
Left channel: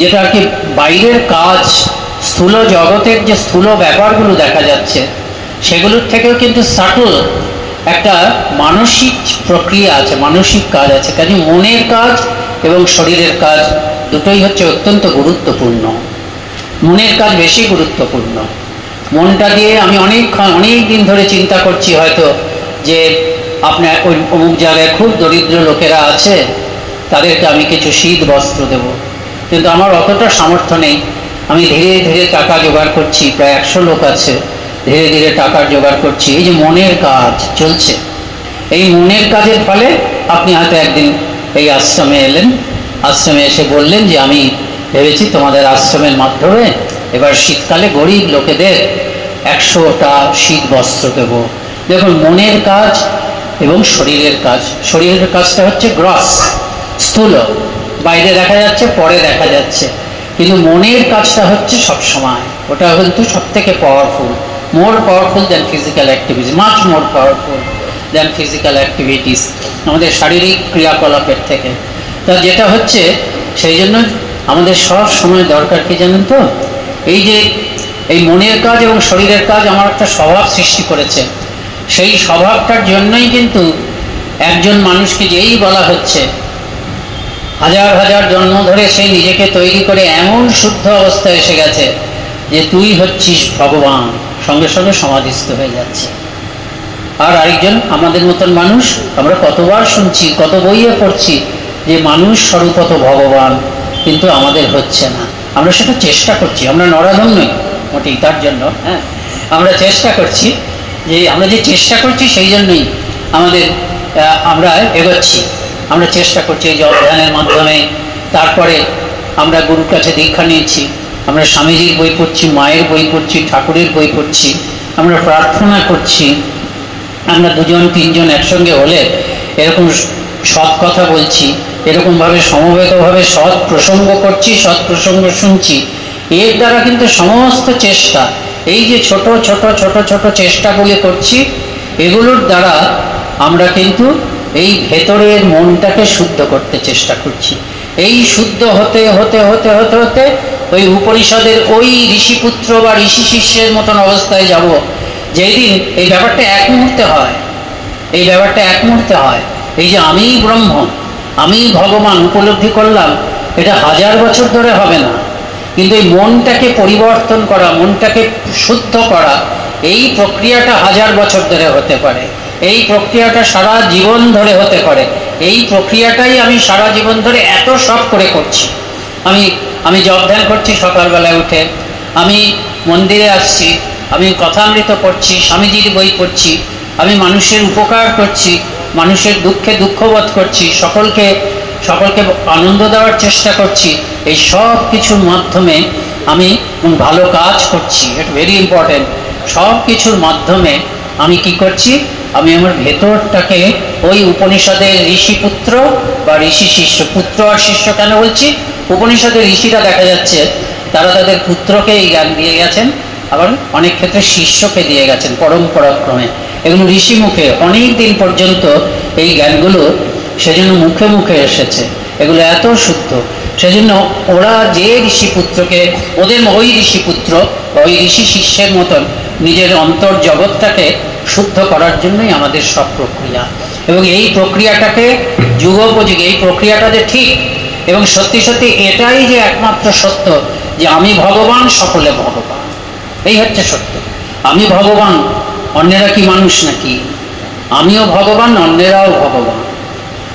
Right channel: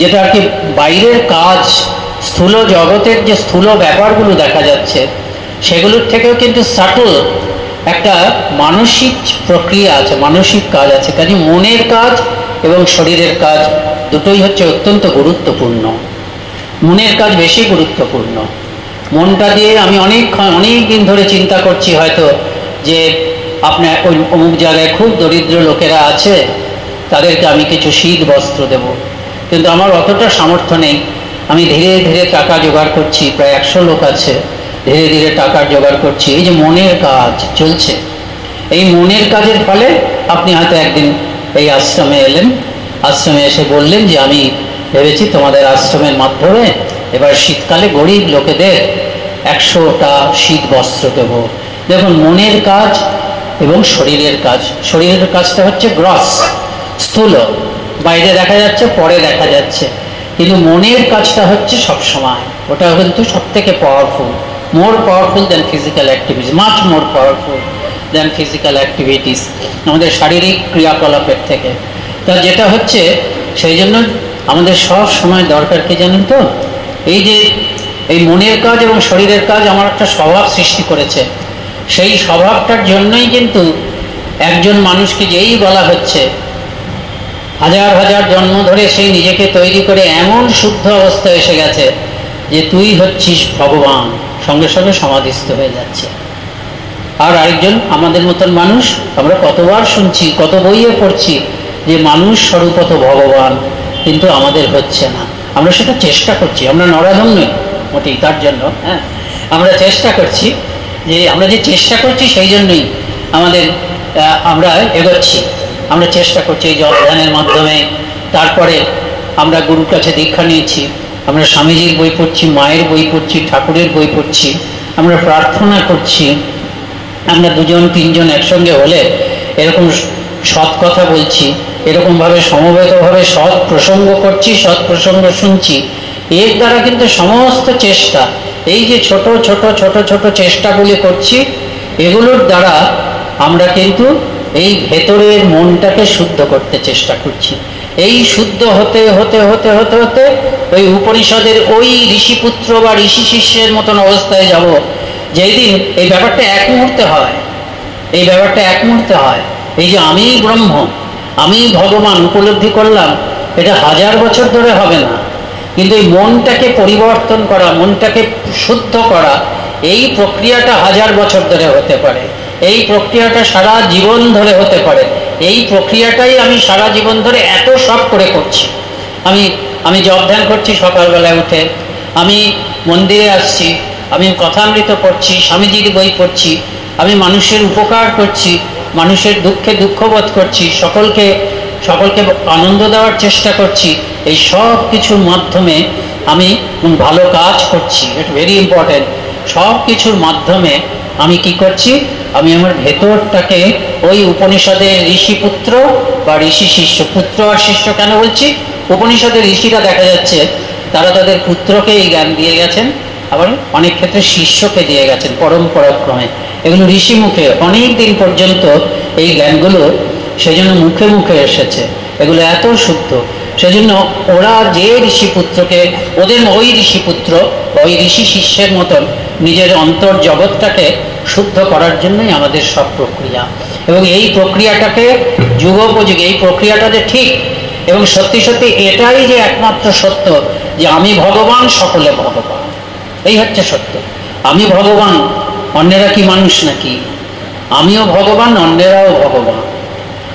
যেটা আর কি বাইরের কাজ, স্থূল জগতের যে স্থূল ব্যাপারগুলো দেখা যাচ্ছে, সেগুলোর থেকেও কিন্তু সাটল একটা মানসিক প্রক্রিয়া আছে, মানসিক কাজ আছে। কাজে মনের কাজ এবং শরীরের কাজ দুটোই হচ্ছে অত্যন্ত গুরুত্বপূর্ণ। মনের কাজ বেশি গুরুত্বপূর্ণ। মনটা দিয়ে আমি অনেক দিন ধরে চিন্তা করছি হয়তো যে আপনার অমুক জায়গায় খুব দরিদ্র লোকেরা আছে, তাদেরকে আমি কিছু শীত বস্ত্র দেব, কিন্তু আমার অতটা সামর্থ্য নেই। আমি ধীরে ধীরে টাকা জোগাড় করছি, প্রায় 100 লোক আছে, ধীরে ধীরে টাকা জোগাড় করছি। এই যে মনের কাজ চলছে, এই মনের কাজের ফলে আপনি হয়তো একদিন এই আশ্রমে এলেন, আশ্রমে এসে বললেন যে আমি ভেবেছি তোমাদের আশ্রমের মাধ্যমে এবার শীতকালে গরিব লোকেদের 100টা শীত বস্ত্র দেবো। দেখুন মনের কাজ এবং শরীরের কাজ, শরীরের কাজটা হচ্ছে গ্রস, স্থূল, বাইরে দেখা যাচ্ছে, পরে দেখা যাচ্ছে, কিন্তু মনের কাজটা হচ্ছে সবসময়, ওটা কিন্তু সব থেকে powerful, more powerful than physical activities, much more powerful than physical activities, আমাদের শারীরিক ক্রিয়াকলাপের থেকে। তা যেটা হচ্ছে, সেই জন্য আমাদের সব সময় দরকার কি জানেন তো, এই যে এই মনের কাজ এবং শরীরের কাজ আমার একটা স্বভাব সৃষ্টি করেছে। সেই স্বভাবটার জন্যই কিন্তু একজন মানুষকে যেই বলা হচ্ছে হাজার হাজার জন্ম ধরে সেই নিজেকে তৈরি করে এমন শুদ্ধ অবস্থায় এসে গেছে যে তুই হচ্ছিস ভগবান, সঙ্গে সঙ্গে সমাধিস্থ হয়ে যাচ্ছে। আর আরেকজন আমাদের মতন মানুষ, আমরা কতবার শুনছি, কত বইয়ে পড়ছি যে মানুষ স্বরূপত ভগবান, কিন্তু আমাদের হচ্ছে না। আমরা সেটা চেষ্টা করছি, আমরা নরাধম নই মোটেই, তার জন্য আমরা চেষ্টা করছি, যে আমরা যে চেষ্টা করছি সেই জন্যই আমরা এগোচ্ছি, আমরা চেষ্টা করছি এই জপ ধ্যানের মাধ্যমে। তারপরে আমরা গুরুর কাছে দীক্ষা নিয়েছি, আমরা স্বামীজির বই পড়ছি, মায়ের বই পড়ছি, ঠাকুরের বই পড়ছি, আমরা প্রার্থনা করছি, আমরা 2-3 একসঙ্গে হলে এরকম সৎ কথা বলছি, এরকমভাবে সমবেতভাবে সৎ প্রসঙ্গ করছি, সৎ প্রসঙ্গ শুনছি। এর দ্বারা কিন্তু সমস্ত চেষ্টা, এই যে ছোট ছোট ছোট ছোট চেষ্টাগুলি করছি, এগুলোর দ্বারা আমরা কিন্তু এই ভেতরের মনটাকে শুদ্ধ করতে চেষ্টা করছি। এই শুদ্ধ হতে হতে হতে হতে হতে ওই উপনিষদের ওই ঋষিপুত্র বা ঋষি শিষ্যের মতন অবস্থায় যাব, যেই দিন এই ব্যাপারটা এক মুহূর্তে হয়, এই ব্যাপারটা এক মুহূর্তে হয়, এই যে আমি ব্রহ্ম, আমি ভগবান উপলব্ধি করলাম, এটা 1000 বছর ধরে হবে না। কিন্তু এই মনটাকে পরিবর্তন করা, মনটাকে শুদ্ধ করা, এই প্রক্রিয়াটা 1000 বছর ধরে হতে পারে, এই প্রক্রিয়াটা সারা জীবন ধরে হতে পারে। এই প্রক্রিয়াটাই আমি সারা জীবন ধরে এত সব করে করছি। আমি জপ ধ্যান করছি সকালবেলায় উঠে, আমি মন্দিরে আসছি, আমি কথামৃত পড়ছি, স্বামীজির বই পড়ছি, আমি মানুষের উপকার করছি, মানুষের দুঃখে দুঃখবোধ করছি, সকলকে আনন্দ দেওয়ার চেষ্টা করছি। এই সব কিছুর মাধ্যমে আমি ভালো কাজ করছি, এটা ভেরি ইম্পর্টেন্ট। সব কিছুর মাধ্যমে আমি কি করছি, আমি আমার ভেতরটাকে ওই উপনিষদের ঋষিপুত্র বা ঋষি শিষ্য, পুত্র আর শিষ্য কেন বলছি, উপনিষদের ঋষিরা দেখা যাচ্ছে তারা তাদের পুত্রকে এই জ্ঞান দিয়ে গেছেন, আবার অনেক ক্ষেত্রে শিষ্যকে দিয়ে গেছেন পরম্পরাক্রমে। এগুলো ঋষি মুখে অনেক দিন পর্যন্ত এই জ্ঞানগুলো সেজন্য মুখে মুখে এসেছে, এগুলো এত শুদ্ধ। সেজন্য ওরা যে ঋষিপুত্রকে, ওদের ওই ঋষিপুত্র ওই ঋষি শিষ্যের মতন নিজের অন্তর জগৎটাকে শুদ্ধ করার জন্যই আমাদের সব প্রক্রিয়া। এবং এই প্রক্রিয়াটাকে যুগোপযোগী, এই প্রক্রিয়াটা যে ঠিক এবং সত্যি সত্যি এটাই যে একমাত্র সত্য, যে আমি ভগবান, সকলে ভগবান, এই হচ্ছে সত্য। আমি ভগবান, অন্যেরা কি মানুষ নাকি? আমিও ভগবান, অন্যেরাও ভগবান।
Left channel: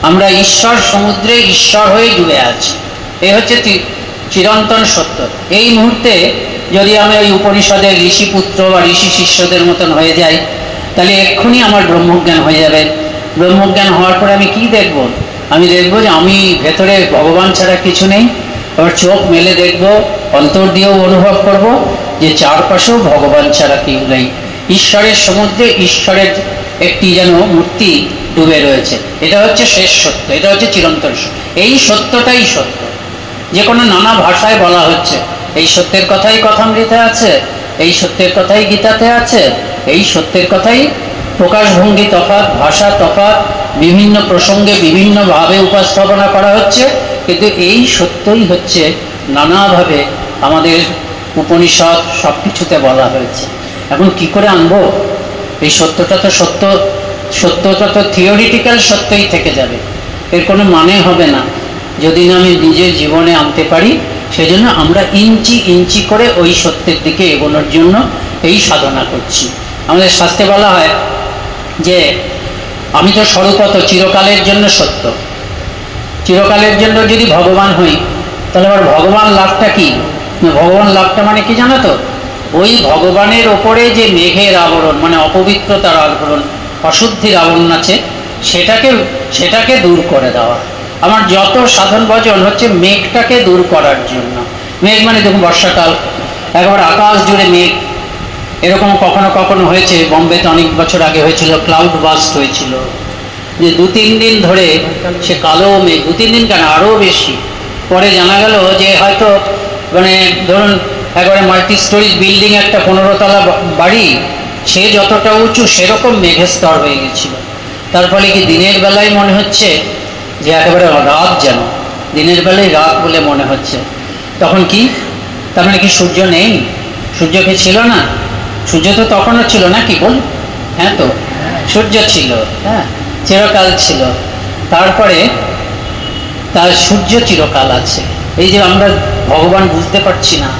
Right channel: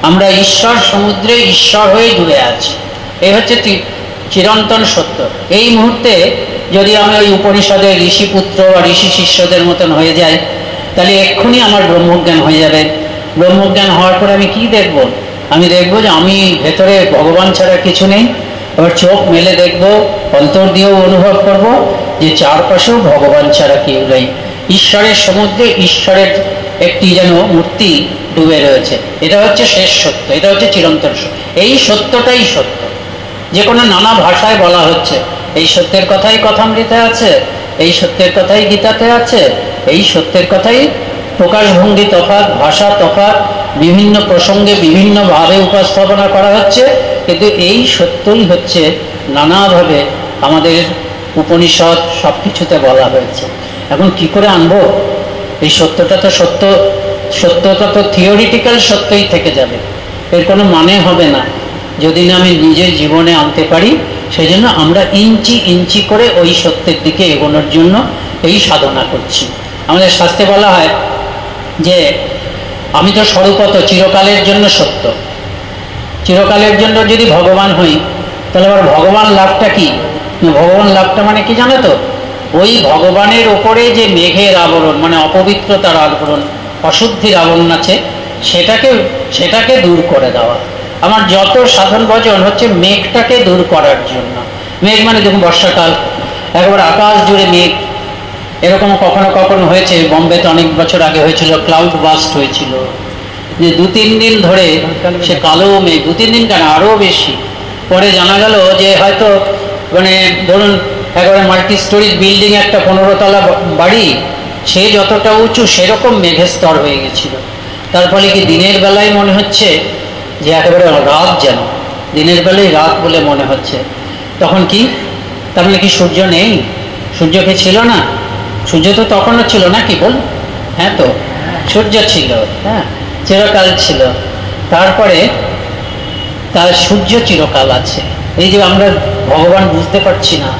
আমরা ঈশ্বর সমুদ্রে ঈশ্বর হয়ে ডুবে আছি, এই হচ্ছে চিরন্তন সত্য। এই মুহূর্তে যদি আমি ওই উপনিষদের ঋষিপুত্র বা ঋষি শিষ্যদের মতন হয়ে যাই, তাহলে এক্ষুনি আমার ব্রহ্মজ্ঞান হয়ে যাবে। ব্রহ্মজ্ঞান হওয়ার পরে আমি কি দেখব? আমি দেখব যে আমি ভেতরে ভগবান ছাড়া কিছু নেই। এবার চোখ মেলে দেখব, অন্তর দিয়েও অনুভব করব যে চারপাশেও ভগবান ছাড়া কেউ নেই। ঈশ্বরের সমুদ্রে ঈশ্বরের একটি যেন মূর্তি ডুবে রয়েছে। এটা হচ্ছে শেষ সত্য, এটা হচ্ছে চিরন্তন সত্য। এই সত্যটাই সত্য, যে কোনো নানা ভাষায় বলা হচ্ছে। এই সত্যের কথাই কথামৃতে আছে, এই সত্যের কথাই গীতাতে আছে, এই সত্যের কথাই প্রকাশভঙ্গি তফাৎ, ভাষা তফাৎ, বিভিন্ন প্রসঙ্গে বিভিন্নভাবে উপস্থাপনা করা হচ্ছে, কিন্তু এই সত্যই হচ্ছে নানাভাবে আমাদের উপনিষদ সব কিছুতে বলা হয়েছে। এখন কি করে আনবো এই সত্যটা? তো সত্যটা তো থিওরিটিক্যাল সত্যই থেকে যাবে, এর কোনো মানে হবে না যদি না আমি নিজের জীবনে আনতে পারি। সেই জন্য আমরা ইঞ্চি ইঞ্চি করে ওই সত্যের দিকে এগোনোর জন্য এই সাধনা করছি। আমাদের শাস্ত্রে বলা হয় যে আমি তো স্বরূপত চিরকালের জন্য সত্য। চিরকালের জন্য যদি ভগবান হই, তাহলে আবার ভগবান লাভটা কি? ভগবান লাভটা মানে কি জানো তো? ওই ভগবানের ওপরে যে মেঘের আবরণ, মানে অপবিত্রতার আবরণ, অশুদ্ধির আবরণ আছে, সেটাকে দূর করে দেওয়া। আমার যত সাধন ভজন হচ্ছে মেঘটাকে দূর করার জন্য। মেঘ মানে দেখুন বর্ষাকাল, একবার আকাশ জুড়ে মেঘ। এরকম কখনো কখনো হয়েছে, বোম্বেতে অনেক বছর আগে হয়েছিল, ক্লাউড বাস্ট হয়েছিল, যে 2-3 দিন ধরে সে কালো মেঘ, 2-3 দিন কেন আরও বেশি। পরে জানা গেল যে হয়তো মানে ধরুন একবারে মাল্টি স্টোরিজ বিল্ডিং, একটা 15 তলা বাড়ি, সে যতটা উঁচু সেরকম মেঘের স্তর হয়ে গেছিল। তার ফলে কি দিনের বেলায় মনে হচ্ছে যে একেবারে রাত, যেন দিনের বেলায় রাত বলে মনে হচ্ছে। তখন কি, তার মানে কি সূর্য নেই? সূর্যকে ছিল না? সূর্য তো তখনও ছিল না, কি বল? হ্যাঁ, তো সূর্য ছিল, হ্যাঁ, চিরকাল ছিল। তারপরে তার সূর্য চিরকাল আছে। এই যে আমরা ভগবান বুঝতে পারছি না,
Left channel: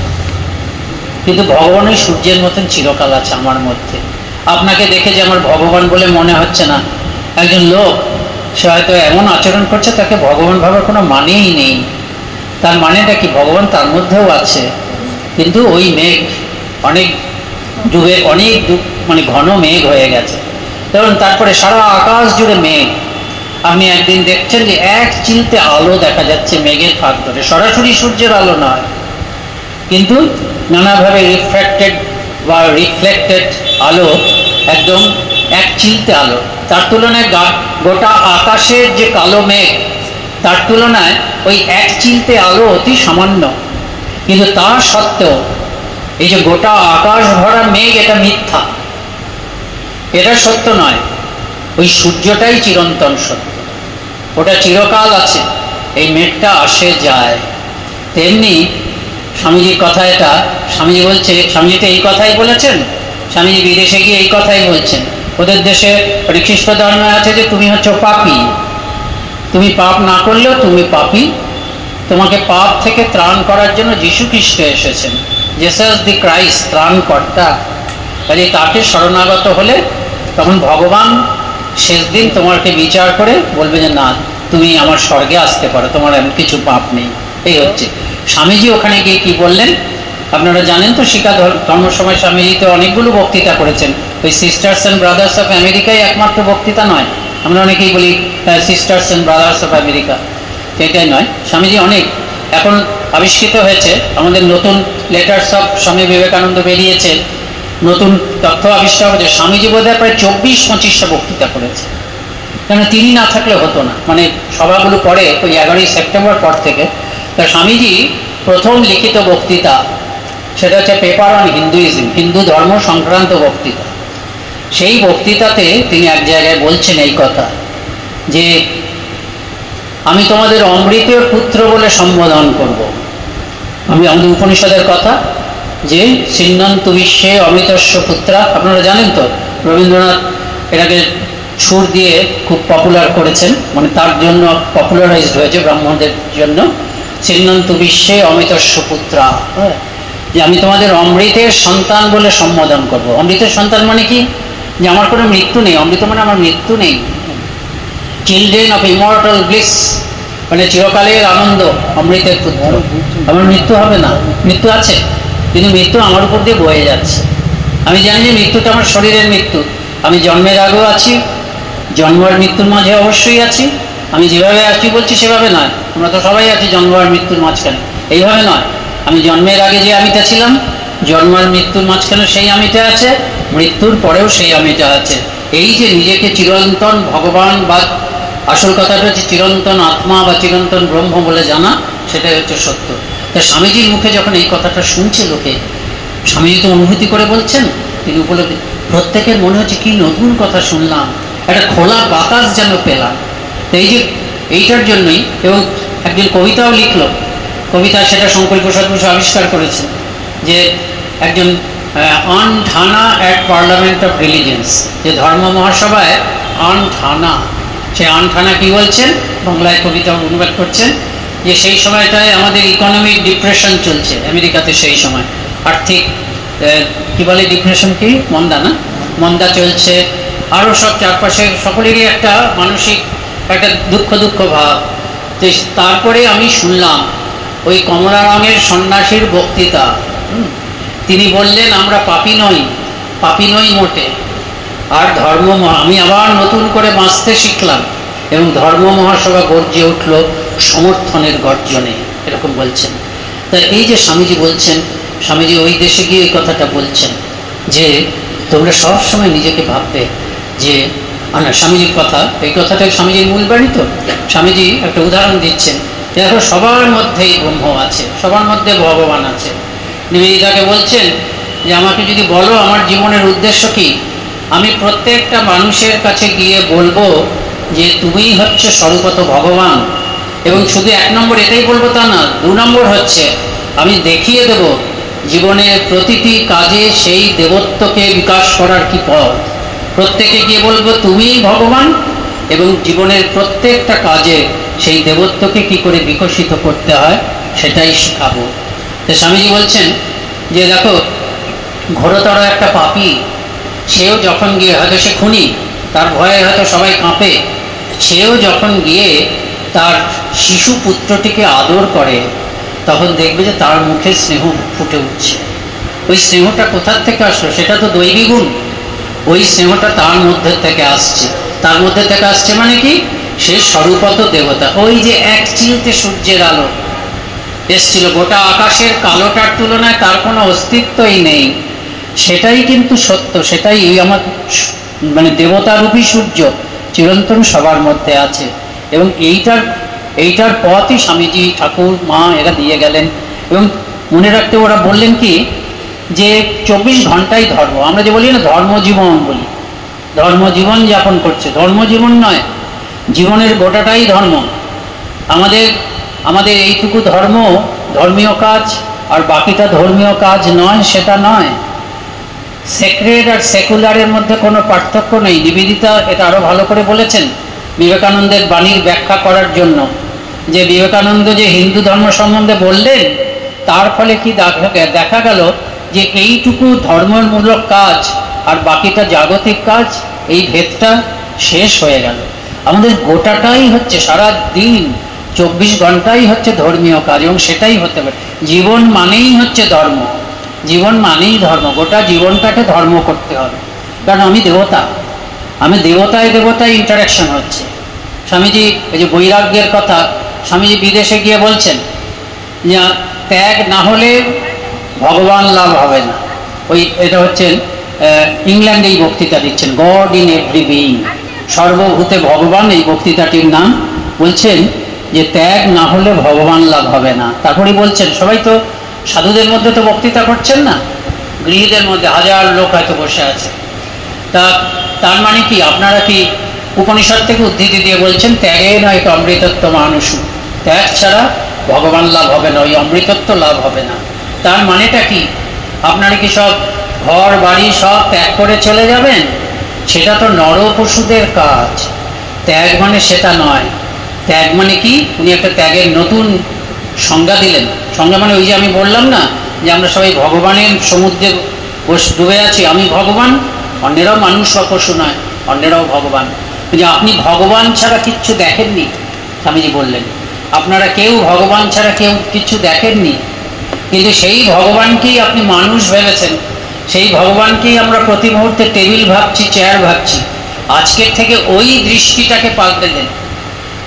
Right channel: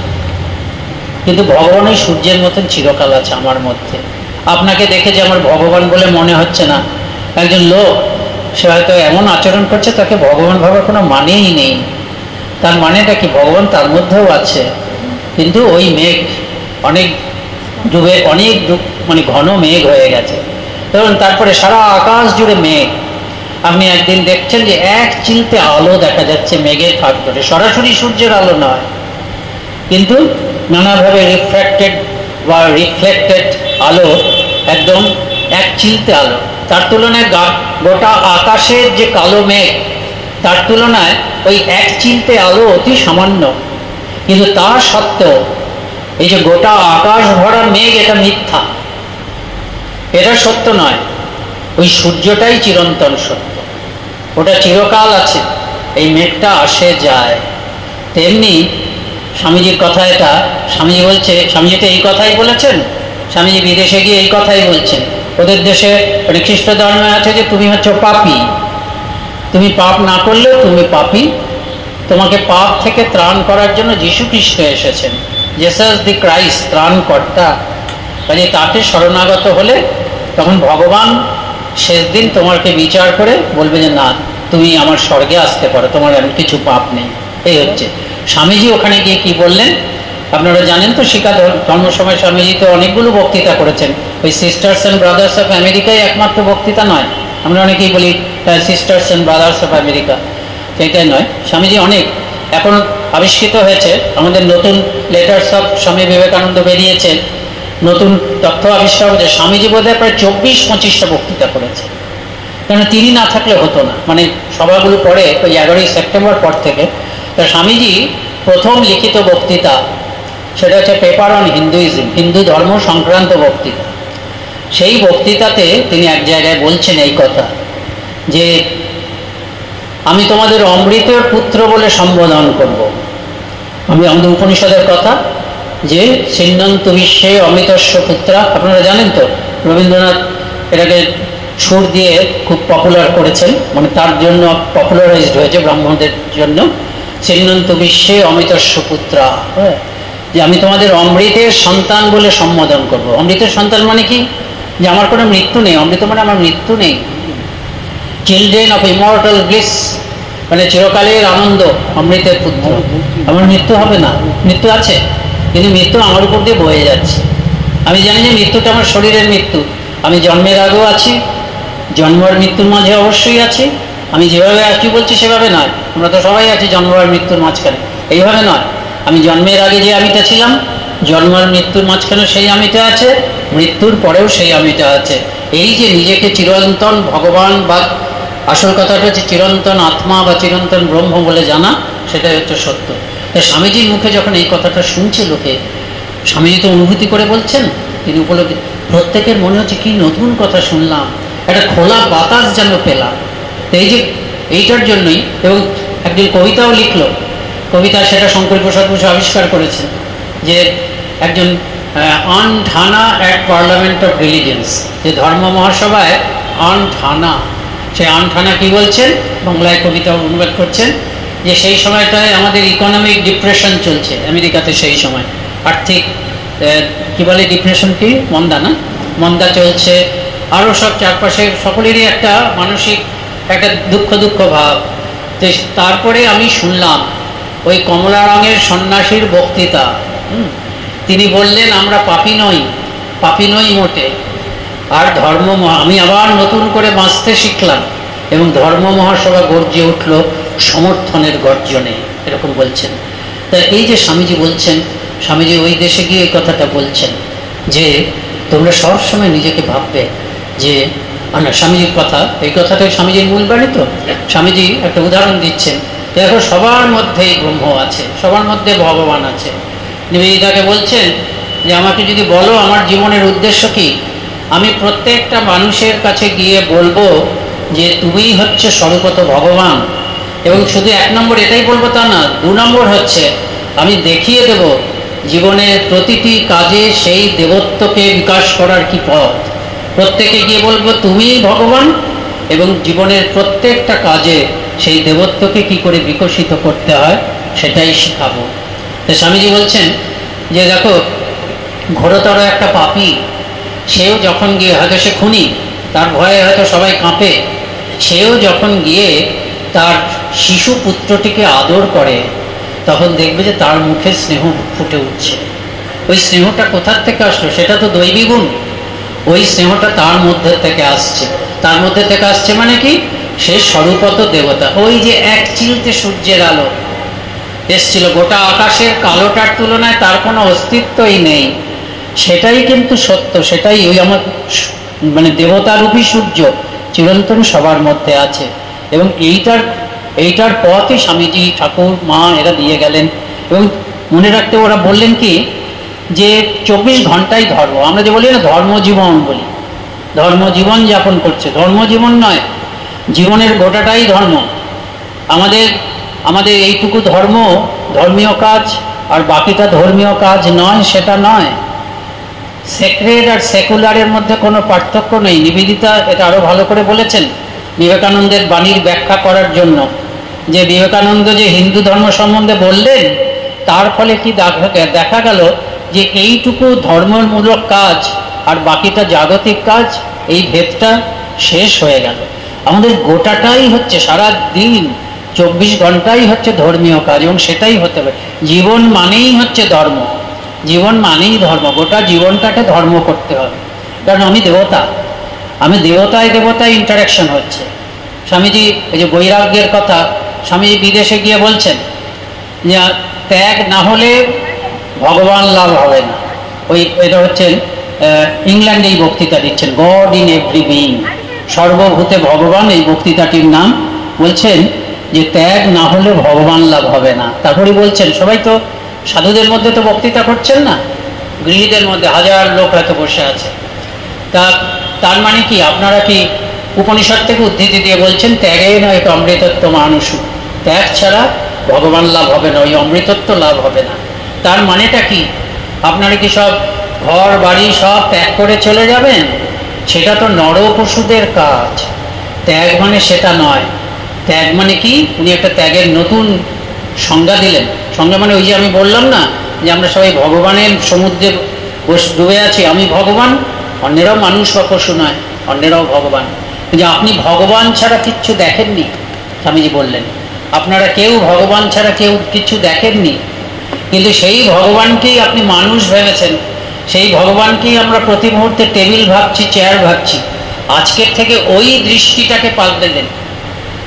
কিন্তু ভগবান ওই সূর্যের মতন চিরকাল আছে আমার মধ্যে। আপনাকে দেখে যে আমার ভগবান বলে মনে হচ্ছে না, একজন লোক সে হয়তো এমন আচরণ করছে, তাকে ভগবান ভাবার কোনো মানেই নেই। তার মানেটা কি? ভগবান তার মধ্যেও আছে, কিন্তু ওই মেঘ অনেক ডুবে, অনেক মানে ঘন মেঘ হয়ে গেছে। ধরুন তারপরে সারা আকাশ জুড়ে মেঘ। আপনি একদিন দেখছেন যে এক চিলতে আলো দেখা যাচ্ছে মেঘের ফাঁক ধরে, সরাসরি সূর্যের আলো নয়, কিন্তু নানাভাবে রিফ্লেক্টেড আলো, একদম এক চিলতে আলো। তার তুলনায় গোটা আকাশের যে কালো মেঘ, তার তুলনায় ওই এক চিলতে আলো অতি সামান্য। কিন্তু তা সত্ত্বেও এই যে গোটা আকাশ ভরা মেঘ, এটা মিথ্যা, এটা সত্য নয়। ওই সূর্যটাই চিরন্তন সত্য, ওটা চিরকাল আছে, এই মেঘটা আসে যায়। তেমনি স্বামীজির কথা এটা, স্বামীজি বলছে, স্বামীজি তো এই কথাই বলেছেন স্বামীজি বিদেশে গিয়ে এই কথাই বলছেন। ওদের দেশে খ্রিস্ট ধর্মে আছে যে তুমি হচ্ছে পাপী, তুমি পাপ না করলেও তুমি পাপী, তোমাকে পাপ থেকে ত্রাণ করার জন্য যীশু খ্রিস্ট এসেছেন, জেসাস দি ক্রাইস্ট, ত্রাণকর্তা। কাজে তাকে শরণাগত হলে তখন ভগবান শেষ দিন তোমাকে বিচার করে বলবে যে না, তুমি আমার স্বর্গে আসতে পারো, তোমার এমন কিছু পাপ নেই। এই হচ্ছে স্বামীজি ওখানে গিয়ে কি বললেন আপনারা জানেন তো। শিক্ষা ধর্ম সময় স্বামীজি তো অনেকগুলো বক্তৃতা করেছেন। ওই সিস্টার্স অ্যান্ড ব্রাদার্স অফ আমেরিকাই একমাত্র বক্তৃতা নয়। আমরা অনেকেই বলি sisters and brothers of America, সেটাই নয়। স্বামীজি অনেক এখন আবিষ্কৃত হয়েছে, আমাদের নতুন লেটার্স অফ স্বামী বিবেকানন্দ বেরিয়েছে, নতুন তথ্য আবিষ্কার হয়েছে। স্বামীজি বোধহয় প্রায় 24-25টা বক্তৃতা করেছে, কেন তিনি না থাকলে হতো না। মানে সভাগুলো পরে ওই 11ই সেপ্টেম্বর পর থেকে। তা স্বামীজি প্রথম লিখিত বক্তৃতা সেটা হচ্ছে পেপার অন হিন্দুইজম, হিন্দু ধর্ম সংক্রান্ত বক্তৃতা। সেই বক্তৃতাতে তিনি এক জায়গায় বলছেন এই কথা যে আমি তোমাদের অমৃতের পুত্র বলে সম্বোধন করব। আমি আমাদের উপনিষদের কথা যে সিন্নন্তু বিশ্বে অমৃতস্য পুত্রা, আপনারা জানেন তো, রবীন্দ্রনাথ এটাকে সুর দিয়ে খুব পপুলার করেছেন, মানে তার জন্য পপুলারাইজড হয়েছে ব্রাহ্মণদের জন্য। সিন্নন্তু বিশ্বে অমৃতস্য পুত্রা, যে আমি তোমাদের অমৃতের সন্তান বলে সম্বোধন করব। অমৃতের সন্তান মানে কি? যে আমার কোনো মৃত্যু নেই, অমৃত মানে আমার মৃত্যু নেই। চিলড্রেন অফ ইমর্টাল ব্লিস, মানে চিরকালের আনন্দ, অমৃতের পুত্র। আমার মৃত্যু হবে না, মৃত্যু আছে কিন্তু মৃত্যু আমার উপর দিয়ে বয়ে যাচ্ছে। আমি জানি যে মৃত্যুটা আমার শরীরের মৃত্যু, আমি জন্মের আগেও আছি, জন্ম আর মৃত্যুর মাঝে অবশ্যই আছি। আমি যেভাবে আছি বলছি সেভাবে নয়, আমরা তো সবাই আছি জন্ম আর মৃত্যুর মাঝখানে, এইভাবে নয়। আমি জন্মের আগে যে আমিটা ছিলাম, জন্ম আর মৃত্যুর মাঝখানে সেই আমিটা আছে, মৃত্যুর পরেও সেই আমিটা আছে। এই যে নিজেকে চিরন্তন ভগবান বা আসল কথাটা হচ্ছে চিরন্তন আত্মা বা চিরন্তন ব্রহ্ম বলে জানা, সেটাই হচ্ছে সত্য। তা স্বামীজির মুখে যখন এই কথাটা শুনছে লোকে, স্বামীজি তো অনুভূতি করে বলছেন, তিনি উপলব্ধি, প্রত্যেকের মনে হচ্ছে কি নতুন কথা শুনলাম, একটা খোলা বাতাস যেন পেলাম। এই যে এইটার জন্যই, এবং একদিন কবিতাও লিখলো, কবিতা সেটা শঙ্কর প্রসাদ বসু আবিষ্কার করেছেন যে একজন অন ঠানা অ্যাট পার্লামেন্ট অফ রিলিজিয়ন্স, যে ধর্ম মহাসভায় অন ঠানা, সে অন ঠানা কি বলছেন, বাংলায় কবিতা অনুবাদ করছেন যে সেই সময়টায় আমাদের ইকোনমিক ডিপ্রেশন চলছে আমেরিকাতে, সেই সময় আর্থিক কি বলে ডিপ্রেশন, কি মন্দা, না মন্দা চলছে, আরও সব চারপাশে সকলেরই একটা মানসিক একটা দুঃখ ভাব। তো তারপরে আমি শুনলাম ওই কমলা রঙের সন্ন্যাসীর বক্তৃতা। তিনি বললেন আমরা পাপী নই মোটে, আর ধর্ম আমি আবার নতুন করে বাঁচতে শিখলাম, এবং ধর্ম মহাসভা গর্জে উঠল সমর্থনের গর্জনে, এরকম বলছেন। তাই এই যে স্বামীজি বলছেন, স্বামীজি ওই দেশে গিয়ে এই কথাটা বলছেন যে তোমরা সবসময় নিজেকে ভাববে যে স্বামীজির কথা, এই কথাটাই স্বামীজির মূল বাণী। তো স্বামীজি একটা উদাহরণ দিচ্ছেন, দেখো সবার মধ্যেই ব্রহ্ম আছে, সবার মধ্যে ভগবান আছে। নিবেদিতাকে বলছেন যে আমাকে যদি বলো আমার জীবনের উদ্দেশ্য কি, আমি প্রত্যেকটা মানুষের কাছে গিয়ে বলবো যে তুমিই হচ্ছে স্বরূপত ভগবান। এবং শুধু 1 নম্বর এটাই বলবো তা না, 2 নম্বর হচ্ছে আমি দেখিয়ে দেব জীবনের প্রতিটি কাজে সেই দেবত্বকে বিকাশ করার কি পথ। প্রত্যেকে গিয়ে বলবো তুমিই ভগবান, এবং জীবনের প্রত্যেকটা কাজে সেই দেবত্বকে কি করে বিকশিত করতে হয় সেটাই শেখাবো। তো স্বামীজি বলছেন যে দেখো ঘোরতর একটা পাপী, সেও যখন গিয়ে, হয়তো সে খুনি, তার ভয়ে হয়তো সবাই কাঁপে, সেও যখন গিয়ে তার শিশু পুত্রটিকে আদর করে, তখন দেখবে যে তার মুখে স্নেহ ফুটে উঠছে। ওই স্নেহটা কোথার থেকে আসলো? সেটা তো দৈবী গুণ। ওই স্নেহটা তার মধ্যে থেকে আসছে। তার মধ্যে থেকে আসছে মানে কি? সে স্বরূপত দেবতা। ওই যে এক চিলতে সূর্যের আলো এসছিল, গোটা আকাশের কালোটার তুলনায় তার কোনো অস্তিত্বই নেই, সেটাই কিন্তু সত্য। সেটাই ওই আমার মানে দেবতারূপী সূর্য চিরন্তন সবার মধ্যে আছে। এবং এইটার পথই স্বামীজি, ঠাকুর, মা এরা দিয়ে গেলেন। এবং মনে রাখতে ওরা বললেন কি যে 24 ঘন্টাই ধর্ম। আমরা যে বলি না ধর্মজীবন বলি, ধর্মজীবন যাপন করছে, ধর্মজীবন নয়, জীবনের গোটাটাই ধর্ম। আমাদের এইটুকু ধর্ম, ধর্মীয় কাজ, আর বাকিটা ধর্মীয় কাজ নয়, সেটা নয়। সেক্রেড আর সেকুলারের মধ্যে কোনো পার্থক্য নেই। নিবেদিতা এটা আরো ভালো করে বলেছেন বিবেকানন্দের বাণীর ব্যাখ্যা করার জন্য, যে বিবেকানন্দ যে হিন্দু ধর্ম সম্বন্ধে বললেন, তার ফলে কি দেখা গেল যে এইটুকু ধর্মমূলক কাজ আর বাকিটা জাগতিক কাজ, এই ভেদটা শেষ হয়ে গেল। আমাদের গোটাটাই হচ্ছে সারা দিন 24 ঘন্টাই হচ্ছে ধর্মীয় কাজ, এবং সেটাই হতে হবে। জীবন মানেই হচ্ছে ধর্ম, জীবন মানেই ধর্ম। গোটা জীবনটাকে ধর্ম করতে হবে। কারণ আমি দেবতা, আমি দেবতায় দেবতায় ইন্টারাকশন হচ্ছে। স্বামীজি এই যে বৈরাগ্যের কথা স্বামীজি বিদেশে গিয়ে বলছেন যে ত্যাগ না হলে ভগবান লাভ হবে না। এটা হচ্ছেন ইংল্যান্ডে এই বক্তৃতা দিচ্ছেন, গড ইন এভরি বিইং, সর্বভূতে ভগবান, এই বক্তৃতাটির নাম। বলছেন যে ত্যাগ না হলে ভগবান লাভ হবে না। তারপরে বলছেন সবাই তো সাধুদের মধ্যে তো বক্তৃতা করছেন না, গৃহীদের মধ্যে হাজার লোক হয়তো বসে আছে। তার মানে কি আপনারা কি উপনিষদ থেকে উদ্ধৃতি দিয়ে বলছেন ত্যাগে নয় অমৃতত্ব মানুষ, ত্যাগ ছাড়া ভগবান লাভ হবে না, ওই অমৃতত্ব লাভ হবে না। তার মানেটা কি? আপনারা কি সব ঘর বাড়ি সব ত্যাগ করে চলে যাবেন? সেটা তো নর পশুদের কাজ। ত্যাগ মানে সেটা নয়। ত্যাগ মানে কি? উনি একটা ত্যাগের নতুন সংজ্ঞা দিলেন। সংজ্ঞা মানে ওই যে আমি বললাম না যে আমরা সবাই ভগবানের সমুদ্রে ডুবে আছি, আমি ভগবান, অন্যেরাও মানুষ বা পশু নয়, অন্যেরাও ভগবান। যে আপনি ভগবান ছাড়া কিচ্ছু দেখেননি, স্বামীজি বললেন আপনারা কেউ ভগবান ছাড়া কেউ কিচ্ছু দেখেননি, কিন্তু সেই ভগবানকেই আপনি মানুষ ভেবেছেন, সেই ভগবানকেই আমরা প্রতি মুহূর্তে টেবিল ভাবছি, চেয়ার ভাবছি। আজকের থেকে ওই দৃষ্টিটাকে পাল্টে দেন।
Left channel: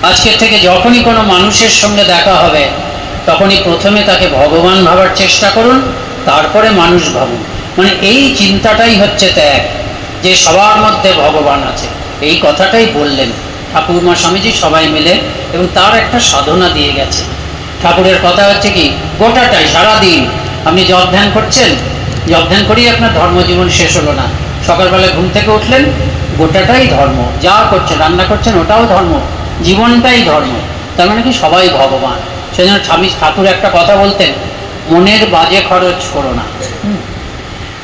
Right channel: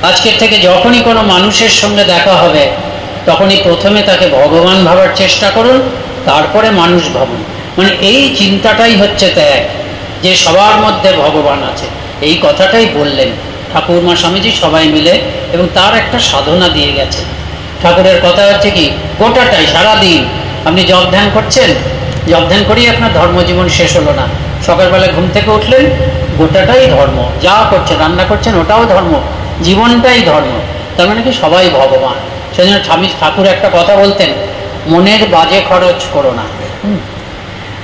আজকের থেকে যখনই কোনো মানুষের সঙ্গে দেখা হবে তখনই প্রথমে তাকে ভগবান ভাবার চেষ্টা করুন, তারপরে মানুষ ভাবুন। মানে এই চিন্তাটাই হচ্ছে ত্যাগ, যে সবার মধ্যে ভগবান আছে। এই কথাটাই বললেন ঠাকুরমা স্বামীজি সবাই মিলে, এবং তার একটা সাধনা দিয়ে গেছে। ঠাকুরের কথা হচ্ছে কি, গোটাটাই সারাদিন আপনি জপ ধ্যান করছেন, জপ ধ্যান করেই আপনার ধর্মজীবন শেষ হলো না। সকালবেলা ঘুম থেকে উঠলেন, গোটাটাই ধর্ম, যা করছেন, রান্না করছেন ওটাও ধর্ম, জীবনটাই ধর্ম। তার মানে কি সবাই ভগবান। সেই জন্য ঠাকুর একটা কথা বলতেন, মনের বাজে খরচ করো না।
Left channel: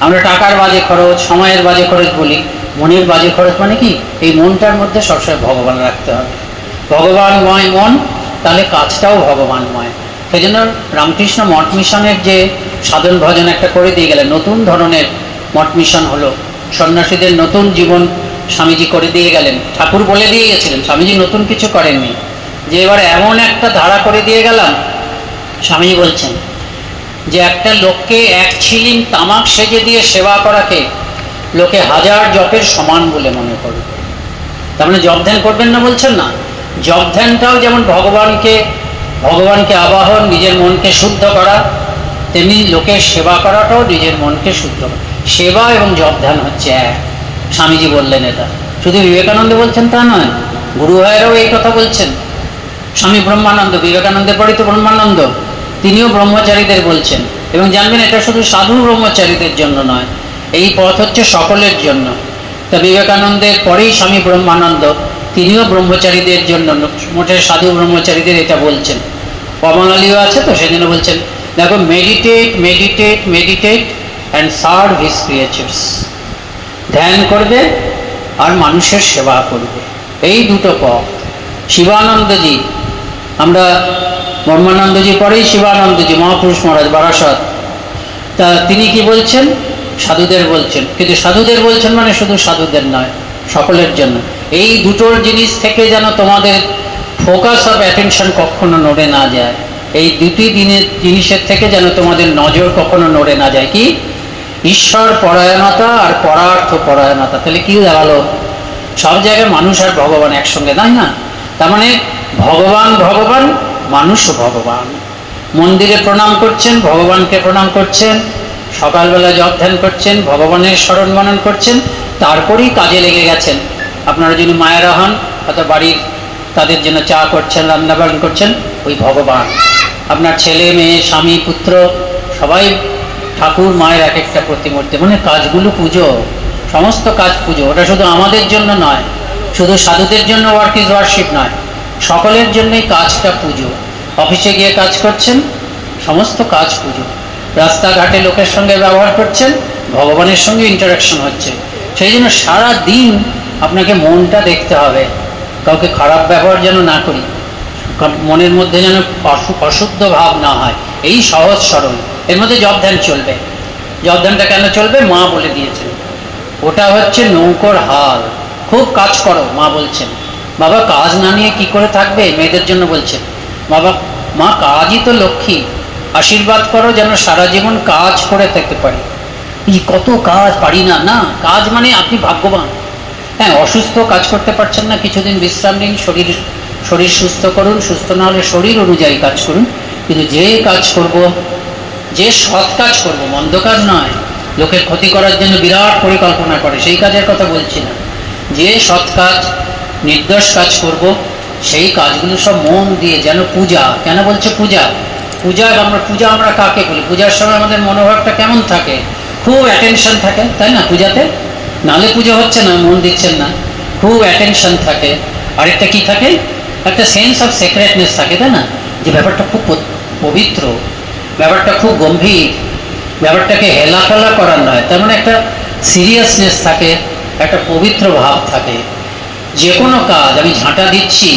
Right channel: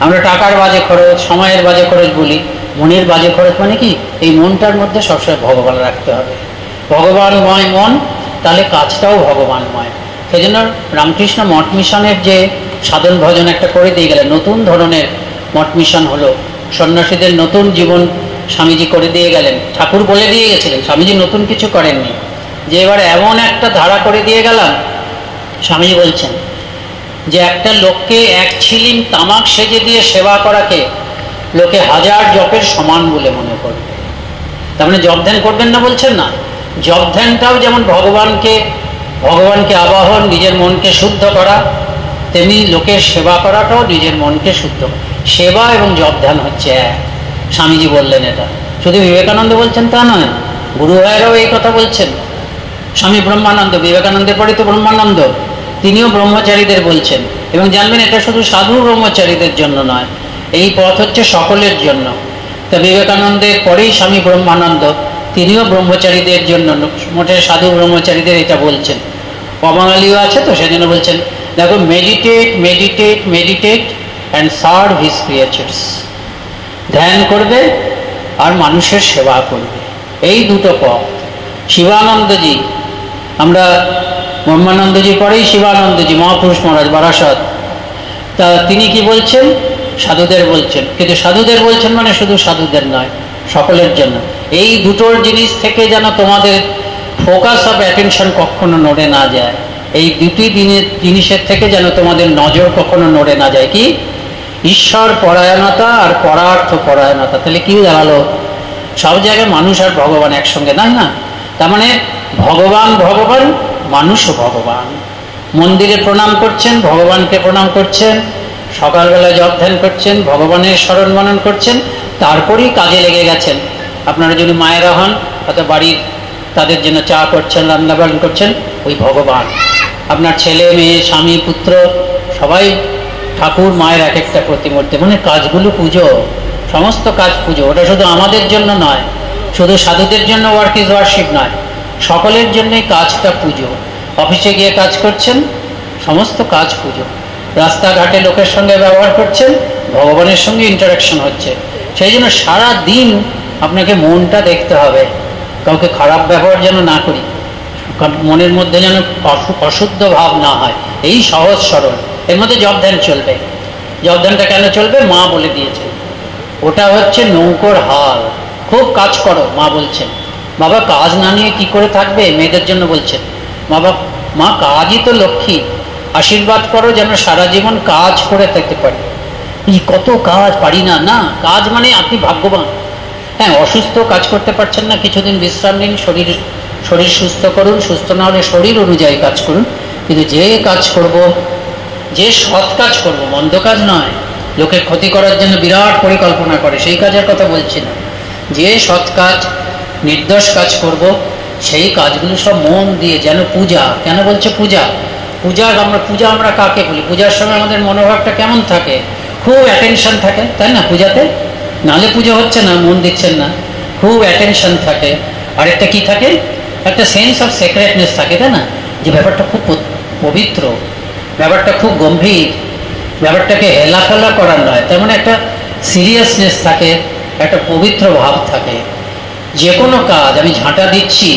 আমরা টাকার বাজে খরচ, সময়ের বাজে খরচ বলি, মনের বাজে খরচ মানে কি এই মনটার মধ্যে সবসময় ভগবান রাখতে হবে। ভগবানময় মন, তাহলে কাজটাও ভগবানময়। সেই জন্য রামকৃষ্ণ মঠ মিশনের যে সাধন ভজন একটা করে দিয়ে গেলেন, নতুন ধরনের মঠ মিশন হলো, সন্ন্যাসীদের নতুন জীবন স্বামীজি করে দিয়ে গেলেন। ঠাকুর বলে দিয়ে গেছিলেন, স্বামীজি নতুন কিছু করেননি, যে এবার এমন একটা ধারা করে দিয়ে গেলাম। স্বামীজি বলছেন যে একটা লোককে 1 ছিলিং তামাক সেজে দিয়ে সেবা করাকে লোকে 1000 জপের সমান বলে মনে করবে। তার মানে জপ ধ্যান করবেন না বলছেন না, জপ ধ্যানটাও যেমন ভগবানকে আবাহন, নিজের মনকে শুদ্ধ করা, তেমনি লোকের সেবা করাটাও নিজের মনকে শুদ্ধ। সেবা এবং জপ ধ্যান হচ্ছে এক। স্বামীজি বললেন এটা, শুধু বিবেকানন্দ বলছেন তা নয়, গুরু ভাইয়েরাও এই কথা বলছেন। স্বামী ব্রহ্মানন্দ, বিবেকানন্দের পরে তো ব্রহ্মানন্দ, তিনিও ব্রহ্মচারীদের বলছেন। এবং জানবেন এটা শুধু সাধু ব্রহ্মচারীদের জন্য নয়, এই পথ হচ্ছে সকলের জন্য। তা বিবেকানন্দের পরেই স্বামী ব্রহ্মানন্দ, তিনিও ব্রহ্মচারীদের জন্য, মোটে সাধু ব্রহ্মচারীদের এটা বলছেন। পবনালীও আছে তো, সেজন্য বলছেন দেখো, meditate meditate meditate and serve his creatures. ধ্যান করবে আর মানুষের সেবা করবে, এই দুটো পথ। শিবানন্দজি, আমরা ব্রহ্মানন্দজির পরেই শিবানন্দজি, মহাপুরুষ মহারাজ বারাসত, তা তিনি কি বলছেন? সাধুদের বলছেন, কিন্তু সাধুদের বলছেন মানে শুধু সাধুদের নয়, সকলের জন্য। এই দুটোর জিনিস থেকে যেন তোমাদের ফোকাস অফ অ্যাটেনশন কখনো নড়ে না যায়, এই দুটি জিনিসের থেকে যেন তোমাদের নজর কখনো নড়ে না যায়। কি? ঈশ্বর পরায়ণতা আর পরার্থ পরায়ণতা। তাহলে কি দাঁড়ালো? সব জায়গায় মানুষ আর ভগবান একসঙ্গে, তাই না? তার মানে ভগবান ভগবান, মানুষও ভগবান। মন্দিরে প্রণাম করছেন, ভগবানকে প্রণাম করছেন, সকালবেলা জপ ধ্যান করছেন, ভগবানের স্মরণ মনন করছেন, তারপরেই কাজে লেগে গেছেন। আপনারা যদি মায়েরা হন, অথবা বাড়ির তাদের জন্য চা করছেন, রান্না বান্না করছেন, ওই ভগবান। আপনার ছেলে মেয়ে, স্বামী পুত্র সবাই ঠাকুর মায়ের এক একটা প্রতিমূর্তি। মানে কাজগুলো পুজো, সমস্ত কাজ পুজো। ওটা শুধু আমাদের জন্য নয়, শুধু সাধুদের জন্য ওয়ার্ক ইজ ওয়ার্শিপ নয়, সকলের জন্যই কাজটা পুজো। অফিসে গিয়ে কাজ করছেন, সমস্ত কাজ পুজো। রাস্তাঘাটে লোকের সঙ্গে ব্যবহার করছেন, ভগবানের সঙ্গে ইন্টারাকশন হচ্ছে। সেই জন্য সারা দিন আপনাকে মনটা দেখতে হবে, কাউকে খারাপ ব্যবহার যেন না করি, মনের মধ্যে যেন অশুদ্ধ ভাব না হয়। এই সহজ সরল, এর মধ্যে জপ ধ্যান চলবে। জপ ধ্যানটা কেন চলবে? মা বলে দিয়েছেন, ওটা হচ্ছে নৌকোর হাল। খুব কাজ করো, মা বলছেন। বাবা কাজ না নিয়ে কি করে থাকবে? মেয়েদের জন্য বলছেন বাবা, মা কাজই তো লক্ষ্মী, আশীর্বাদ করো যেন সারা জীবন কাজ করে থাকতে পারি। কত কাজ পারি না, না কাজ মানে আপনি ভাগ্যবান। হ্যাঁ, অসুস্থ কাজ করতে পারছেন না, কিছুদিন বিশ্রাম নিন, শরীর সুস্থ করুন, সুস্থ না হলে শরীর অনুযায়ী কাজ করুন। কিন্তু যে কাজ করব, যে সৎ কাজ করব, মন্দ কাজ নয়, লোকের ক্ষতি করার জন্য বিরাট পরিকল্পনা করে, সেই কাজের কথা বলছি না। যে সৎ কাজ, নির্দোষ কাজ করব, সেই কাজগুলো সব মন দিয়ে, যেন পূজা। কেন বলছে পূজা? পূজা আমরা কাকে বলি? পূজার সময় আমাদের মনোভাবটা কেমন থাকে? খুব অ্যাটেনশন থাকে, তাই না? পূজাতে নালে পুজো হচ্ছে না, মন দিচ্ছেন না, খুব অ্যাটেনশন থাকে। আরেকটা কি থাকে? একটা সেন্স অফ সিক্রেটনেস থাকে, তাই না? যে ব্যাপারটা খুব পবিত্র, ব্যাপারটা খুব গম্ভীর, ব্যাপারটাকে হেলাফেলা করার নয়, তার মানে একটা সিরিয়াসনেস থাকে, একটা পবিত্র ভাব থাকে। যে কোনো কাজ আমি ঝাঁটা দিচ্ছি,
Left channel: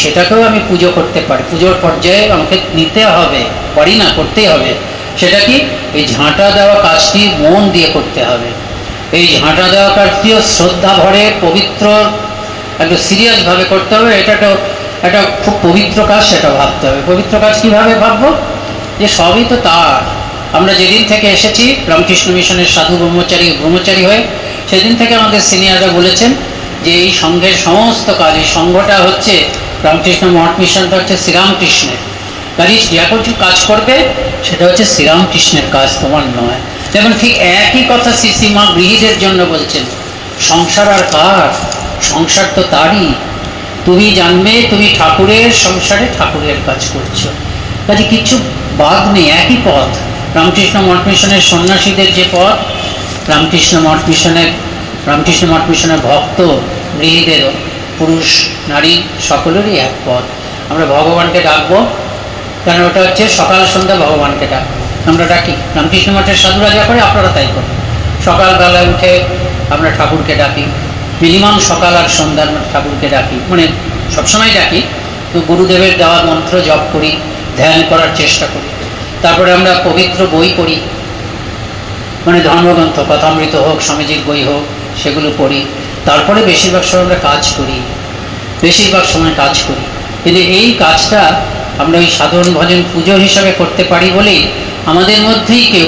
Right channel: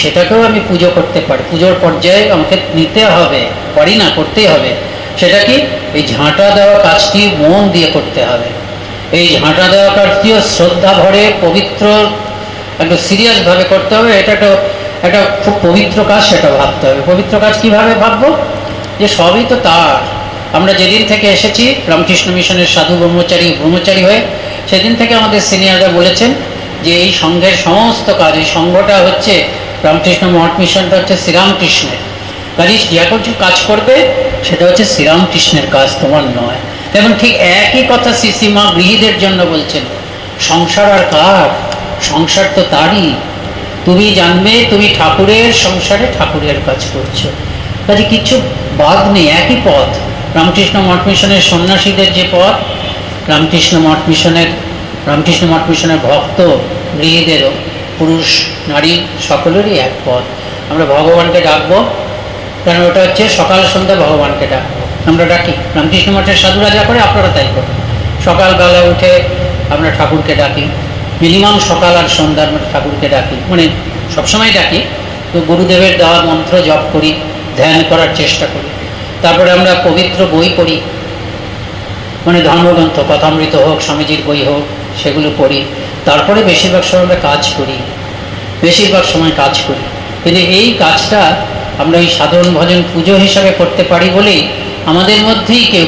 সেটাকেও আমি পুজো করতে পারি, পুজোর পর্যায়ে আমাকে নিতে হবে, পারি না, করতেই হবে। সেটা কি? এই ঝাঁটা দেওয়া কাজটি মন দিয়ে করতে হবে। এই ঝাঁটা দেওয়া কাজটিও শ্রদ্ধা ভরে, পবিত্র, একটু সিরিয়াসভাবে করতে হবে। এটা একটা খুব পবিত্র কাজ, সেটা ভাবতে হবে। পবিত্র কাজ কিভাবে ভাববো? যে সবই তো তার। আমরা যেদিন থেকে এসেছি রামকৃষ্ণ মিশনের সাধু ব্রহ্মচারী হয়ে, সেদিন থেকে আমাদের সিনিয়ররা বলেছেন যে এই সংঘের সমস্ত কাজ, এই সংঘটা হচ্ছে রামকৃষ্ণ মঠ মিশনটা হচ্ছে শ্রীরামকৃষ্ণের। কাজে যে কিছু কাজ করবে সেটা হচ্ছে শ্রীরামকৃষ্ণের কাজ, তোমার নয়। এবং ঠিক একই কথা শ্রীমা গৃহীদের জন্য বলছেন, সংসার আর কার? সংসার তো তারই। তুমি জানবে তুমি ঠাকুরের সংসারে ঠাকুরের কাজ করছো, কাজে কিছু বাদ নেই, একই পথ। রামকৃষ্ণ মঠ মিশনের সন্ন্যাসীদের যে পথ, রামকৃষ্ণ মঠ মিশনের ভক্ত গৃহীদেরও, পুরুষ নারী সকলেরই এক পথ। আমরা ভগবানকে ডাকবো, কারণ ওটা হচ্ছে সকাল সন্ধ্যা ভগবানকে ডাক আমরা ডাকি। রামকৃষ্ণ মঠের সাধুরা যা করে আপনারা তাই করেন। সকালবেলা উঠে আমরা ঠাকুরকে ডাকি, মিনিমাম সকাল আর সন্ধ্যা ঠাকুরকে ডাকি, মানে সবসময় ডাকি। তো গুরুদেবের দেওয়া মন্ত্র জপ করি, ধ্যান করার চেষ্টা করি। তারপরে আমরা পবিত্র বই পড়ি, মানে ধর্মগ্রন্থ, কথামৃত হোক, স্বামীজির বই হোক, সেগুলো পড়ি। তারপরে বেশিরভাগ সময় আমরা কাজ করি, কিন্তু এই কাজটা আমরা ওই সাধারণ ভজন পুজো হিসাবে করতে পারি বলেই আমাদের মধ্যেই কেউ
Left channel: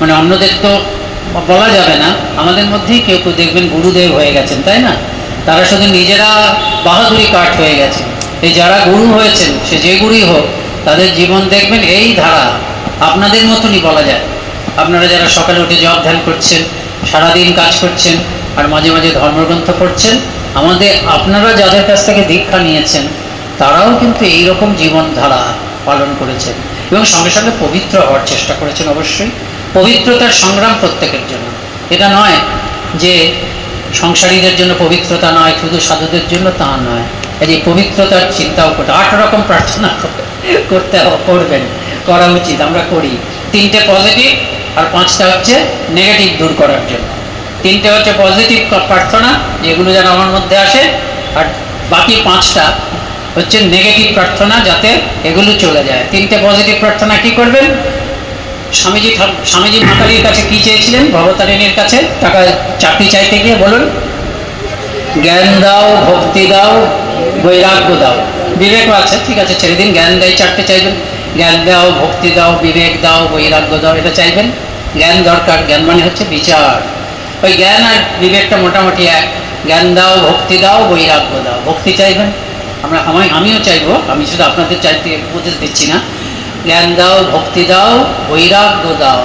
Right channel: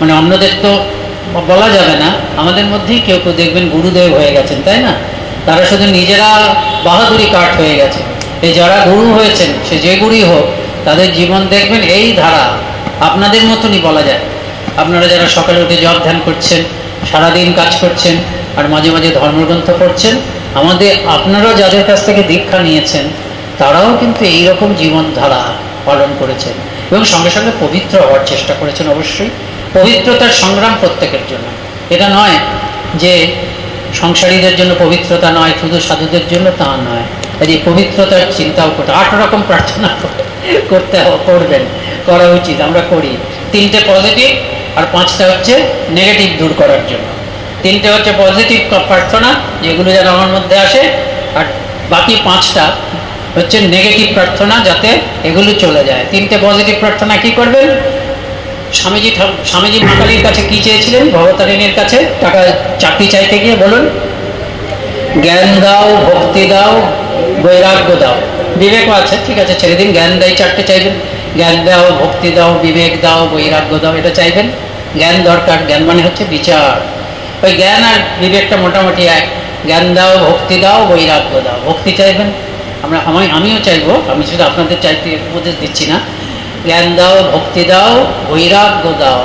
মানে অন্যদের তো বলা যাবে না, আমাদের মধ্যেই কেউ দেখবেন গুরুদেব হয়ে গেছেন, তাই না? তারা শুধু নিজেরা বাহাদুরি কাঠ হয়ে গেছে। এই যারা গুরু হয়েছেন, সে যে গুরুই হোক, তাদের জীবন দেখবেন এই ধারা, আপনাদের মতনই বলা যায়। আপনারা যারা সকালে উঠে জপ ধ্যান করছেন, সারাদিন কাজ করছেন, আর মাঝে মাঝে ধর্মগ্রন্থ পড়ছেন, আপনারা যাদের কাছ থেকে দীক্ষা নিয়েছেন, তারাও কিন্তু এইরকম জীবনধারা পালন করেছেন এবং সঙ্গে সঙ্গে পবিত্র হওয়ার চেষ্টা করেছেন। অবশ্যই পবিত্রতার সংগ্রাম প্রত্যেকের জন্য, এটা নয় যে সংসারীদের জন্য পবিত্রতা নয়, শুধু সাধুদের জন্য তা নয়। এই পবিত্রতার চিন্তাও করতে 8 রকম প্রার্থনা করা উচিত, আমরা করি। 3টে পজিটিভ আর 5টা হচ্ছে নেগেটিভ দূর করার জন্য। 3টে হচ্ছে পজিটিভ প্রার্থনা, যেগুলো যেন আমার মধ্যে আসে, আর বাকি 5টা হচ্ছে নেগেটিভ প্রার্থনা, যাতে এগুলো চলে যায়। 3টে পজিটিভ প্রার্থনা কি করবেন? স্বামীজি মাতালির কাছে কি চেয়েছিলেন? ভবতারিণীর কাছে টাকা চাকরি চাইতে গিয়ে বলুন, জ্ঞান দাও, ভক্তি দাও, বৈরাগ্য দাও। বিবেকও আছে, ঠিক আছে, ছেড়ে দিন। জ্ঞান দেয় 4টে চাইবেন, জ্ঞান দাও, ভক্তি দাও, বিবেক দাও, বৈরাগ্য দাও, এটা চাইবেন। জ্ঞান দরকার, জ্ঞান মানে হচ্ছে বিচার। ওই জ্ঞান আর বিবেকটা মোটামুটি এক। জ্ঞান দাও, ভক্তি দাও, বৈরাগ্য দাও। ভক্তি চাইবেন, আমিও চাইবো, আমি শুধু আপনাদের চাইতে উপদেশ দিচ্ছি না। জ্ঞান দাও, ভক্তি দাও, বৈরাগ্য দাও।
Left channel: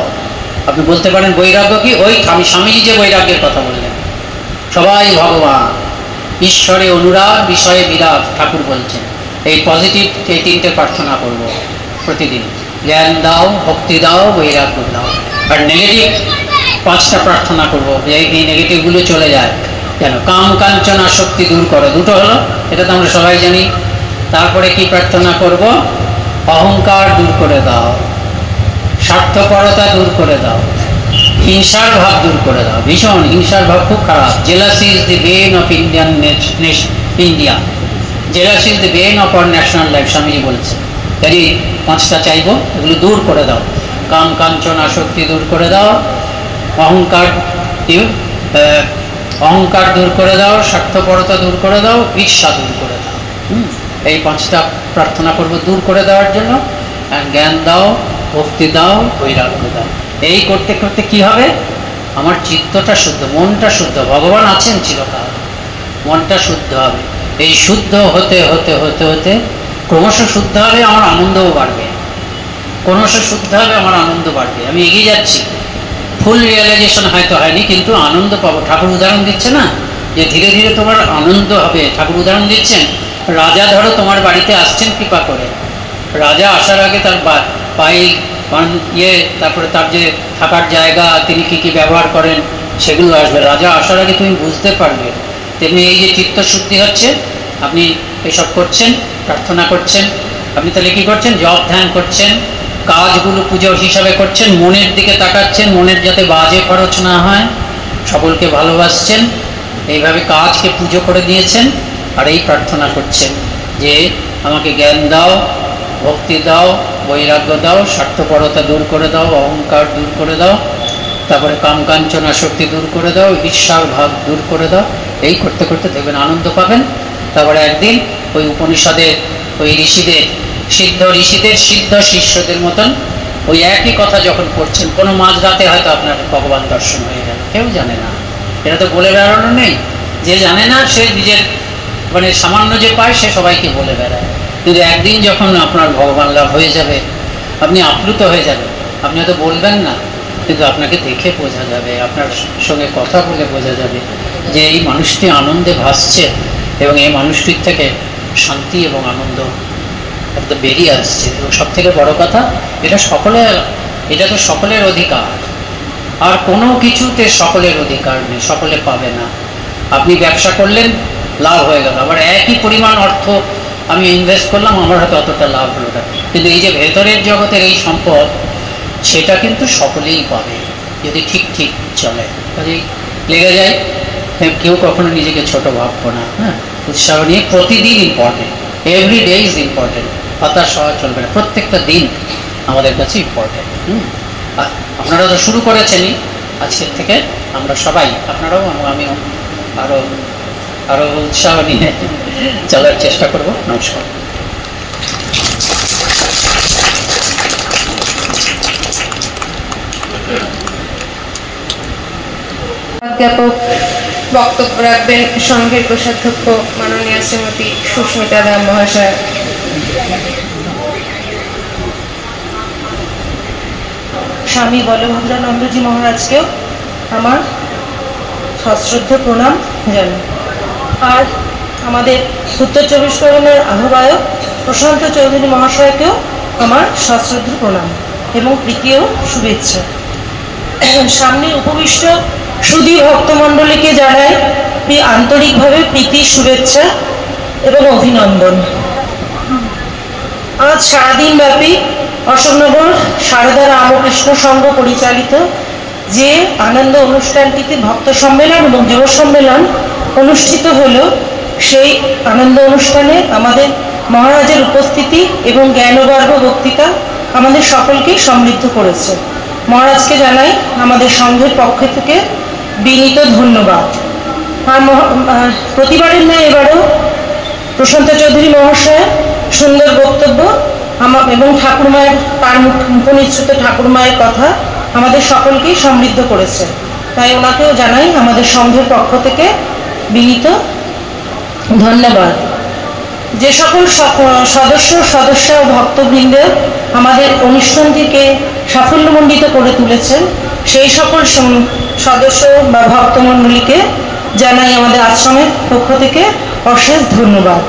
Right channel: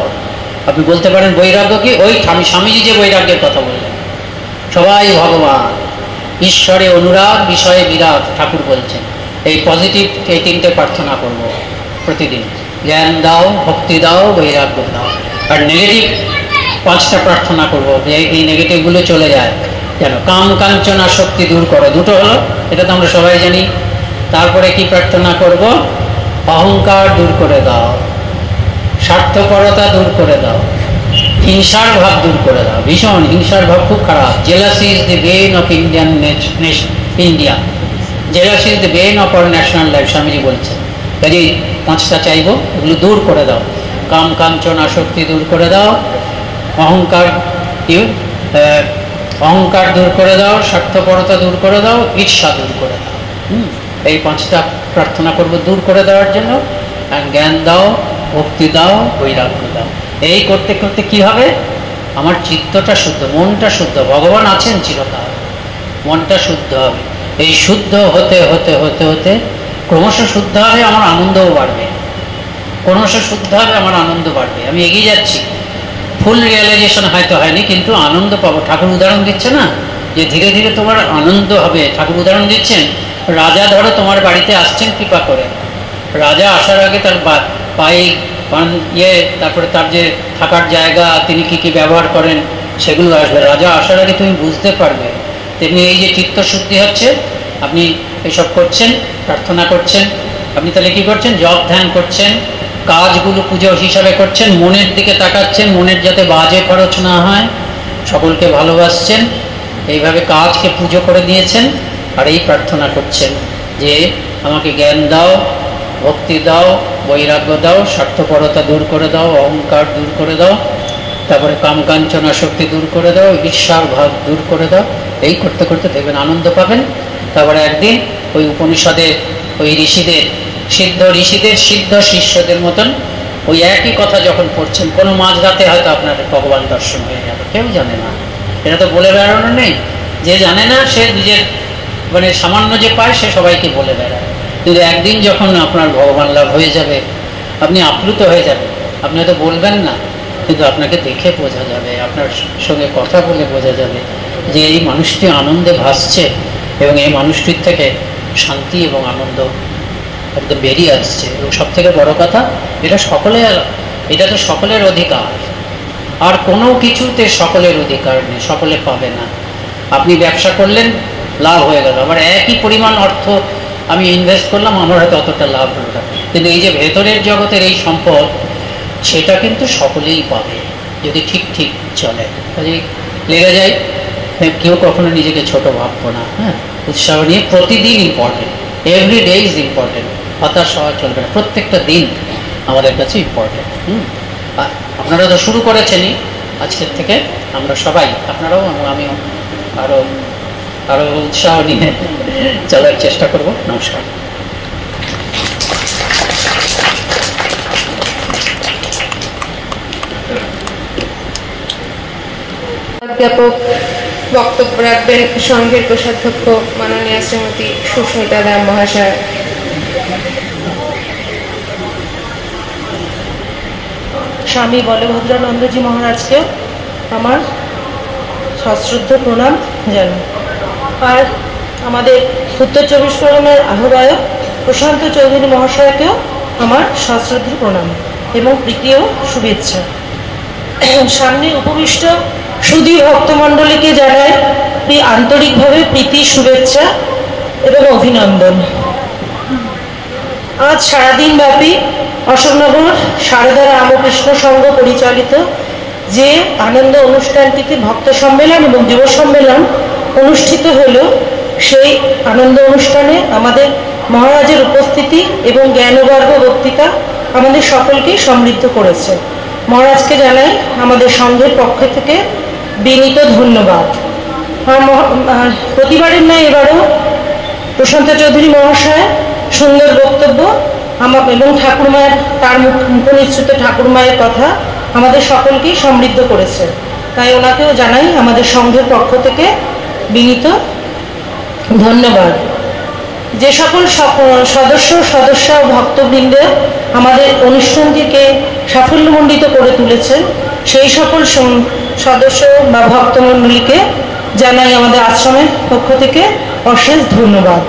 আপনি বলতে পারেন বৈরাগ্য কি? ওই স্বামীজি যে বৈরাগ্যের কথা বললেন, সবাই ভগবান, ঈশ্বরে অনুরাগ, বিষয়ে বিরাগ, ঠাকুর বলছেন। এই পজিটিভ এই 3টে প্রার্থনা করবো প্রতিদিন। জ্ঞান দাও, ভক্তি দাও, বৈরাগ্য দাও। আর নেগেটিভ 5টা প্রার্থনা করবো, যে এই নেগেটিভগুলো চলে যায়। কেন? কাম কাঞ্চন আসক্তি দূর করো, 2টো হলো, এটা তো আমরা সবাই জানি। তারপরে কি প্রার্থনা করব? অহংকার দূর করে দাও, স্বার্থপরতা দূর করে দাও, হিংসার ভাব দূর করে দাও। ভীষণ হিংসার ভাব খুব খারাপ। Jealousy is the Ben of Indian India, jealousy is the Ben of our national life, Swamiji বলছে। কাজে 5টা চাইবো, এগুলো দূর করে দাও। কাম কাঞ্চন আসক্তি দূর করে দাও, অহংকার অহংকার দূর করে দাও, স্বার্থপরতা দূর করে দাও, ঈর্ষা দূর করে দাও। এই 5টা প্রার্থনা করব দূর করে দেওয়ার জন্য। জ্ঞান দাও, ভক্তি দাও, বৈরাগ্য দাও। এই করতে করতে কি হবে, আমার চিত্তটা শুদ্ধ, মনটা শুদ্ধ, ভগবান আছেন চিরকাল, মনটা শুদ্ধ হবে। এই শুদ্ধ হতে হতে হতে হতে ক্রমশ শুদ্ধ হবে, আমার আনন্দও বাড়বে। ক্রমশ শুদ্ধ হবে, আমার আনন্দ বাড়বে। আমি এগিয়ে যাচ্ছি, ফুল রিয়েলাইজেশন হয়তো হয়নি, কিন্তু আনন্দ পাবো। ঠাকুর উদাহরণ দিচ্ছে না যে ধীরে ধীরে তোমার আনন্দ হবে। ঠাকুর উদাহরণ দিচ্ছেন, রাজা ধরো তোমার বাড়িতে আসছেন কৃপা করে। রাজা আসার আগে তার পায়ে তারপরে তার যে থাকার জায়গা, তিনি কি কি ব্যবহার করেন সেগুলো আসবে। রাজা আসার আগে তুমি বুঝতে পারবে। তেমনি এই যে চিত্ত শুদ্ধি হচ্ছে, আপনি এসব করছেন, প্রার্থনা করছেন, আপনি তাহলে কি করছেন, জপ ধ্যান করছেন, কাজগুলো পুজো হিসাবে করছেন, মনের দিকে তাকাচ্ছেন, মনের যাতে বাজে খরচ না হয়, সকলকে ভালোবাসছেন, এইভাবে কাজকে পুজো করে দিয়েছেন। আর এই প্রার্থনা করছেন যে আমাকে জ্ঞান দাও, ভক্তি দাও, বৈরাগ্য দাও, স্বার্থপরতা দূর করে দাও, অহংকার দূর করে দাও, তারপরে কাম কাঞ্চনা শক্তি দূর করে দাও, ঈর্ষার ভাব দূর করে দাও। এই করতে করতে দেখবেন আনন্দ পাবেন। তারপরে একদিন ওই উপনিষদের ওই ঋষিদের, সিদ্ধ ঋষিদের সিদ্ধ শিষ্যদের মতন ওই একই কথা যখন পড়ছেন, কোনো মাঝরাতে হয়তো আপনার ভগবান দর্শন হয়ে যাবে। কেউ জানে না, এটা তো বলে বেড়ানো নেই। যে জানে না সে নিজের মানে সামান্য যে পায় সে সবাইকে বলে বেড়ায়। কিন্তু একদিন যখন আপনার ভগবান লাভ হয়ে যাবে, আপনি আপ্লুত হয়ে যাবেন। আপনি হয়তো বলবেন না, কিন্তু আপনাকে দেখে বোঝা যাবে, আপনার সঙ্গে কথা বলে বোঝা যাবে যে এই মানুষটি আনন্দে ভাসছে এবং এই মানুষটির থেকে শান্তি এবং আনন্দ বেরিয়ে আসছে। এবং সব থেকে বড় কথা, এটা তো সকলের অধিকার। আর কোনো কিছুতে সকলের অধিকার নেই, সকলে পাবে না। আপনি ব্যবসা করলেন, লাভ হয়ে গেল, আবার একই পরিমাণ অর্থ আমি ইনভেস্ট করলাম, আমার হয়তো অতটা লাভ হলো না। কিন্তু এই যে ভেতরের জগতের এই সম্পদ, সেটা কিন্তু সকলেই পাবে যদি ঠিক ঠিক চলে। কাজেই লেগে যায়, কেউ কখনো নিজেকে ছোট ভাববো না। হ্যাঁ, উৎসাহ নিয়ে প্রতিদিন important, every day is important. হতাশ হওয়া চলবে না, প্রত্যেকটা দিন আমাদের কাছে ইম্পর্টেন্ট। আপনারা তো শুরু করেছেনই, আজকের থেকে আমরা সবাই, আপনারাও আমিও আরো উৎসাহ নিয়ে চলার চেষ্টা করব। নমস্কার। অধ্যাপক বক্তব্য রাখবেন সংঘের কোষাধ্যক্ষ মাননীয় শ্রীমতী সুস্মিতা দাস মহাশয়। স্বামী বলভদ্রানন্দজি মহারাজকেও আমার সশ্রদ্ধ প্রণাম জানাই। আর আমাদের উত্তর 24 পরগনার আহ্বায়ক প্রশান্ত চৌধুরী মহাশয়কেও আমার সশ্রদ্ধ প্রণাম এবং প্রীতি ও শুভেচ্ছা। সামনে উপবিষ্ট সুধী ভক্তমণ্ডলীকে জানাই আন্তরিকভাবে প্রীতি, শুভেচ্ছা এবং অভিনন্দন। আজ সারাদিন ব্যাপী অশোকনগর সারদা রামকৃষ্ণ সংঘ পরিচালিত যে আনন্দ অনুষ্ঠানটিতে ভক্ত সম্মেলন এবং যুব সম্মেলন অনুষ্ঠিত হলো, সেই আনন্দ অনুষ্ঠানে আমাদের মহারাজের উপস্থিতি এবং জ্ঞানবর্গ বক্তৃতা আমাদের সকলকেই সমৃদ্ধ করেছে। মহারাজকে জানাই আমাদের সংঘের পক্ষ থেকে বিনীত ধন্যবাদ। প্রতিবারের ন্যায় এবারও প্রশান্ত চৌধুরী মহাশয় সুন্দর বক্তব্য এবং ঠাকুরমায়ের, তার মুখনিসৃত ঠাকুরমায়ের কথা আমাদের সকলকেই সমৃদ্ধ করেছে। তাই ওনাকেও জানাই আমাদের সংঘের পক্ষ থেকে বিনীত ধন্যবাদ। যে সকল সদস্য ও ভক্তবৃন্দ আমাদের অনুষ্ঠানটিকে সাফল্যমণ্ডিত করে তুলেছেন, সেই সকল সদস্য বা ভক্তমণ্ডলীকে জানাই আমাদের আশ্রমের পক্ষ থেকে অশেষ ধন্যবাদ।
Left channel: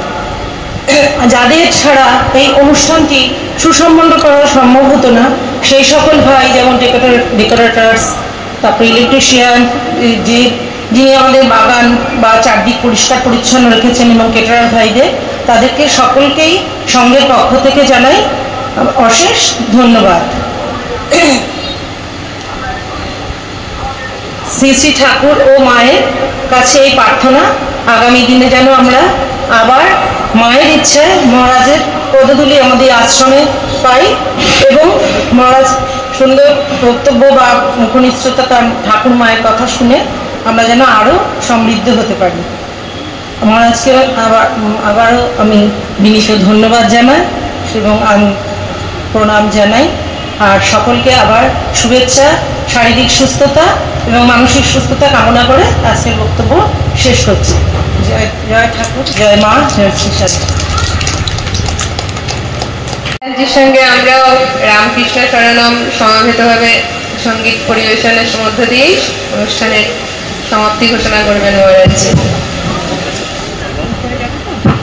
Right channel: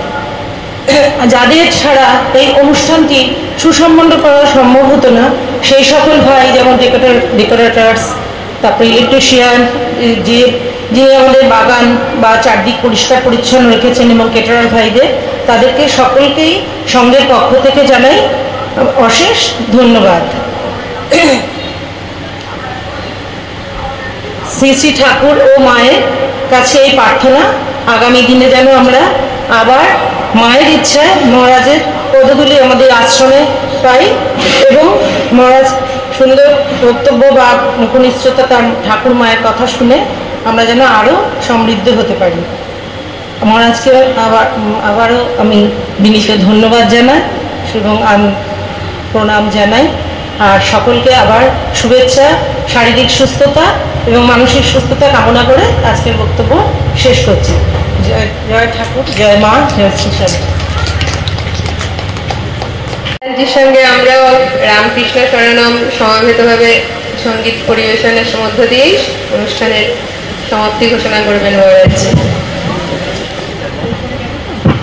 যাদের ছাড়া এই অনুষ্ঠানটি সুসম্পন্ন করা সম্ভব হতো না, সেই সকল ভাই, যেমন ডেকোরেটার্স, তারপরে ইলেকট্রিশিয়ান, যিনি আমাদের বাগান বা চারদিক পরিষ্কার পরিচ্ছন্ন রেখেছেন, এবং কেটারার ভাইদের, তাদেরকে সকলকেই সংঘের পক্ষ থেকে জানাই অশেষ ধন্যবাদ। শ্রী শ্রী ঠাকুর ও মায়ের কাছে এই প্রার্থনা, আগামী দিনে যেন আমরা আবার মায়ের ইচ্ছায় মহারাজের পদধূলি আমাদের আশ্রমে পাই এবং মহারাজ সুন্দর বক্তব্য বা মুখনিশ্চয়তা তার ঠাকুর মায়ের কথা শুনে আমরা যেন আরও সমৃদ্ধ হতে পারি। মহারাজকে আবারও আমি বিনীত ধন্যবাদ জানাই এবং আমি প্রণাম জানাই, আর সকলকে আবার শুভেচ্ছা, শারীরিক সুস্থতা এবং মানসিক সুস্থতা কামনা করে আজকের বক্তব্য শেষ করছি। জয় জয় ঠাকুর, জয় মা, জয় শ্রী শারদাজির সঙ্গে আমরাও রামকৃষ্ণ শরণম সমবেতভাবে সঙ্গীত পরিবেশনের মধ্য দিয়েই অনুষ্ঠানের সমাপ্তি ঘোষণা করবেন মহারাজ।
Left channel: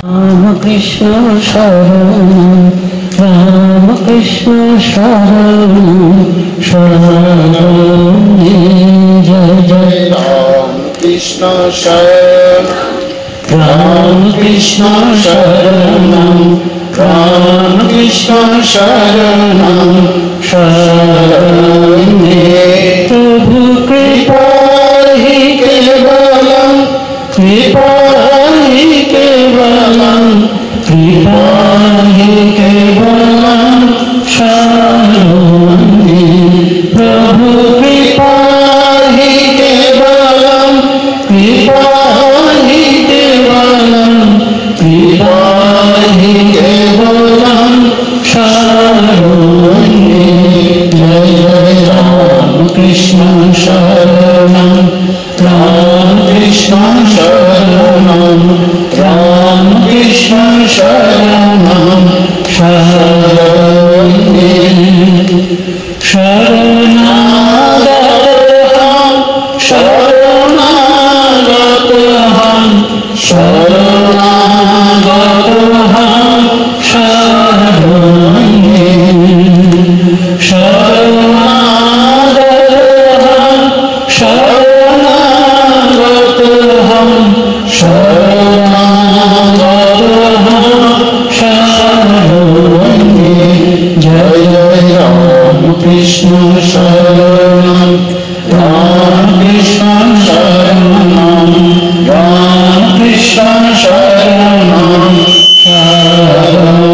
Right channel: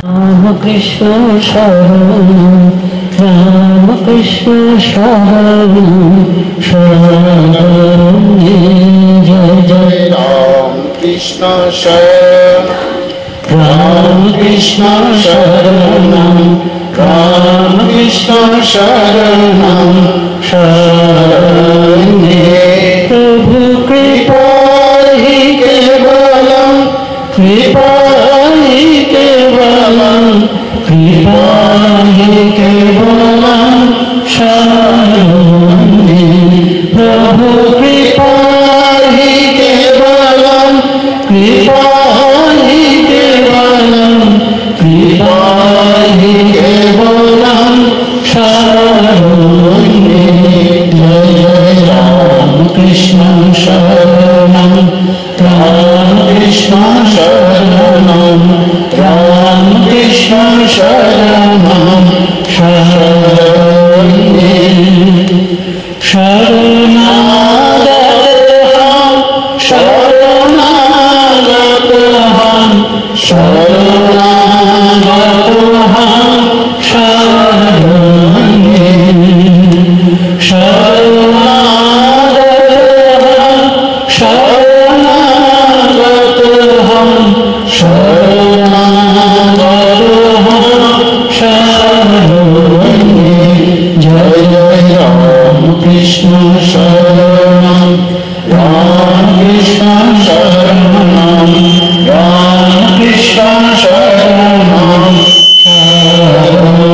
রামকৃষ্ণ শরণম রামকৃষ্ণ শরণম শরণম জয় জয় রামকৃষ্ণ শরণম রামকৃষ্ণ শরণম রামকৃষ্ণ শরণম শরণম প্রভু কৃপা হি কেবলম কৃপা হি কেবলম কৃপা হি কেবলম শরণম প্রভু কৃপা হি কেবলম কৃপা হি কেবলম কৃপা হি কেবলম শরণম জয় রামকৃষ্ণ শরণম রামকৃষ্ণ শরণম রামকৃষ্ণ শরণম শরণম শরণাগতহম শরণাগতহম শরণাগতহম শরণম শরণাগতহম শরণাগতহম শরণাগতহম শরণম জয় জয় রামকৃষ্ণ শরণম রামকৃষ্ণ শরণম রামকৃষ্ণ শরণম শরণম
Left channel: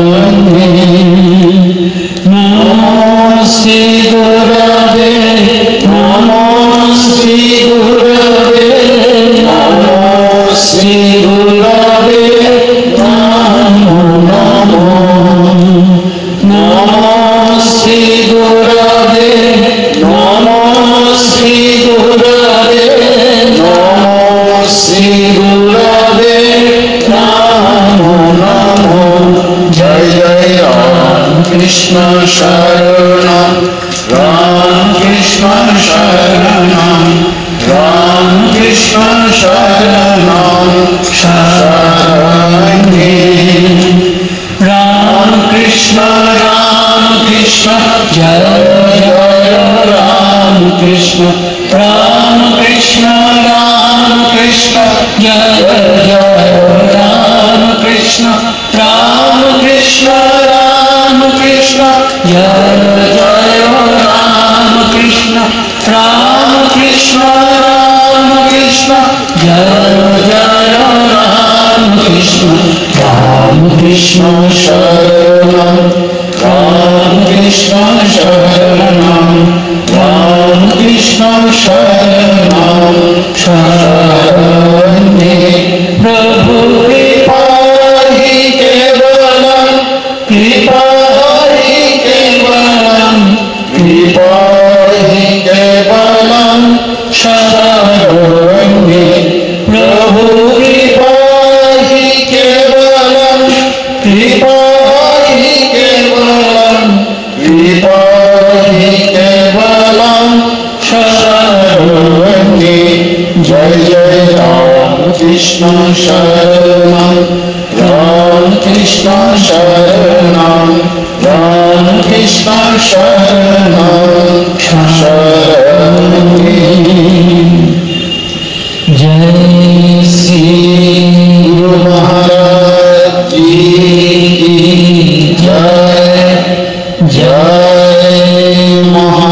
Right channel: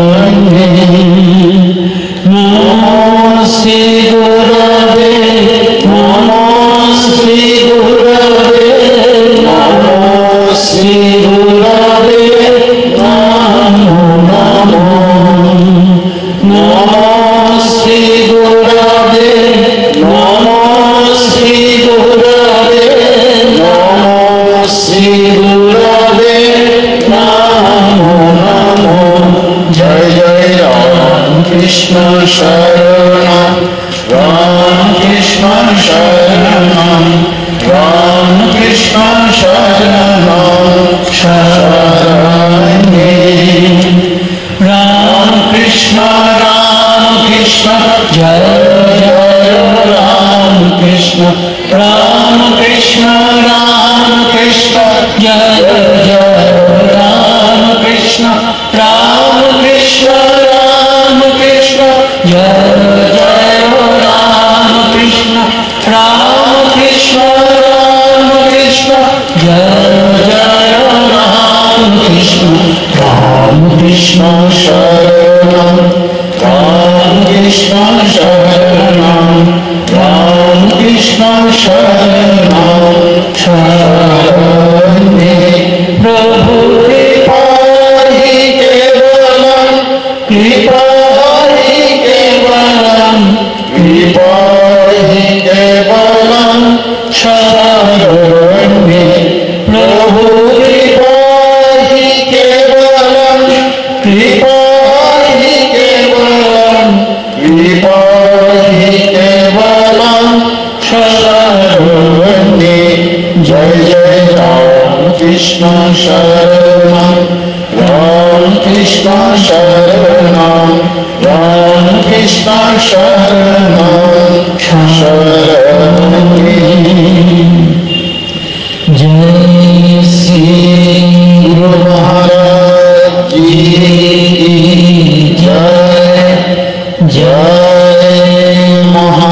নমস্তে গুরবে নমস্তে গুরবে নমস্তে গুরবে নমো নমো নমস্তে গুরবে নমস্তে গুরবে নমস্তে গুরবে নমো নমো জয় জয় রামকৃষ্ণ শরণম রামকৃষ্ণ শরণম রামকৃষ্ণ শরণম শরণম রামকৃষ্ণ রামকৃষ্ণ জয় জয় রামকৃষ্ণ রামকৃষ্ণ রামকৃষ্ণ জয় জয় রামকৃষ্ণ রামকৃষ্ণ রামকৃষ্ণ জয় জয় রামকৃষ্ণ রামকৃষ্ণ রামকৃষ্ণ জয় জয় রামকৃষ্ণ রামকৃষ্ণ শরণম রামকৃষ্ণ শরণম রামকৃষ্ণ শরণম শরণম প্রভু কৃপা হি কেবলম কৃপা হি কেবলম কৃপা হি কেবলম শরণম প্রভু কৃপা হি কেবলম কৃপা হি কেবলম কৃপা হি কেবলম শরণম জয় জয় রামকৃষ্ণ শরণম রামকৃষ্ণ শরণম রামকৃষ্ণ শরণম শরণম জয় শ্রী গুরু মহারাজ কি জয় জয় মহা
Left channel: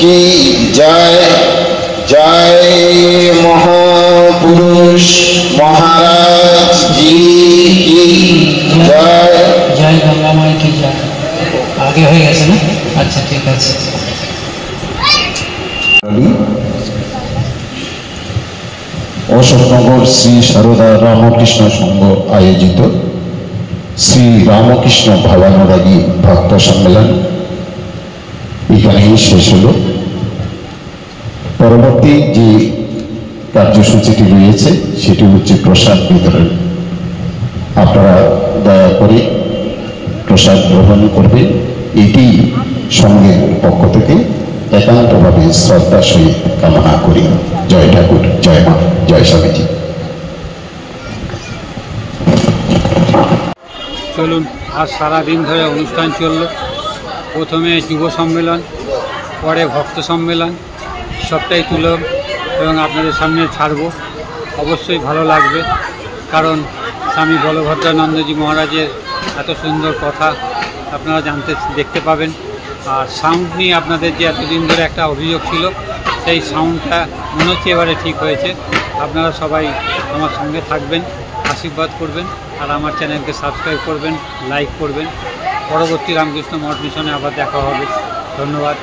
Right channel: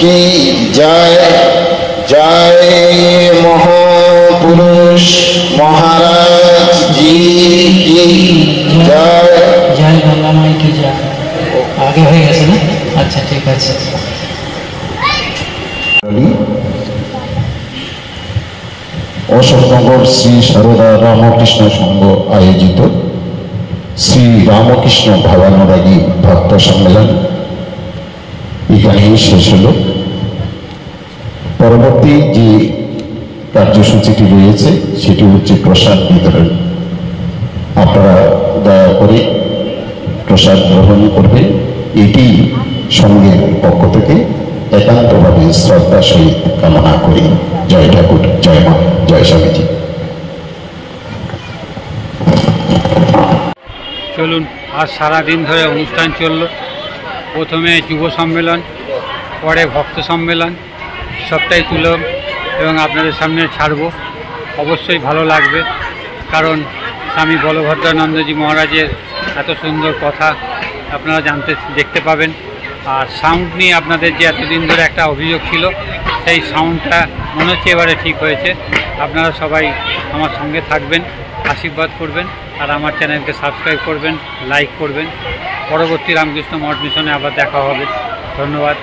কি জয়, জয় মহাপুরুষ মহারাজ জি কি জয়। জয় গঙ্গা মাই কি জয়। আগে হয়ে গেছে না? আচ্ছা ঠিক আছে। অশোকনগর শ্রী সারদা রামকৃষ্ণ সংঘ আয়োজিত শ্রী রামকৃষ্ণ ভাবানুরাগী ভক্ত সম্মেলন এখানেই শেষ হল। পরবর্তী যে কার্যসূচিটি রয়েছে সেটি হচ্ছে প্রসাদ বিতরণ। আপনারা দয়া করে প্রসাদ গ্রহণ করবেন, এটি সঙ্গের পক্ষ থেকে একান্তভাবে শ্রদ্ধার সহিত কামনা করি। জয় ঠাকুর, জয় মা, জয় স্বামীজি। চলুন, আজ সারাদিন ধরে অনুষ্ঠান চলল। প্রথমে যুব সম্মেলন, পরে ভক্ত সম্মেলন, সবটাই তুলব এবং আপনাদের সামনে ছাড়ব। অবশ্যই ভালো লাগবে, কারণ স্বামী বলভদ্রানন্দজি মহারাজের এত সুন্দর কথা আপনারা দেখতে পাবেন। আর সাউন্ড নিয়ে আপনাদের যে এতদিন ধরে একটা অভিযোগ ছিল, সেই সাউন্ডটা মনে হচ্ছে এবারে ঠিক হয়েছে। আপনারা সবাই আমার সঙ্গে থাকবেন, আশীর্বাদ করবেন, আর আমার চ্যানেলকে সাবস্ক্রাইব করবেন, লাইক করবেন। পরবর্তী রামকৃষ্ণ মঠ মিশনে আবার দেখা হবে। ধন্যবাদ।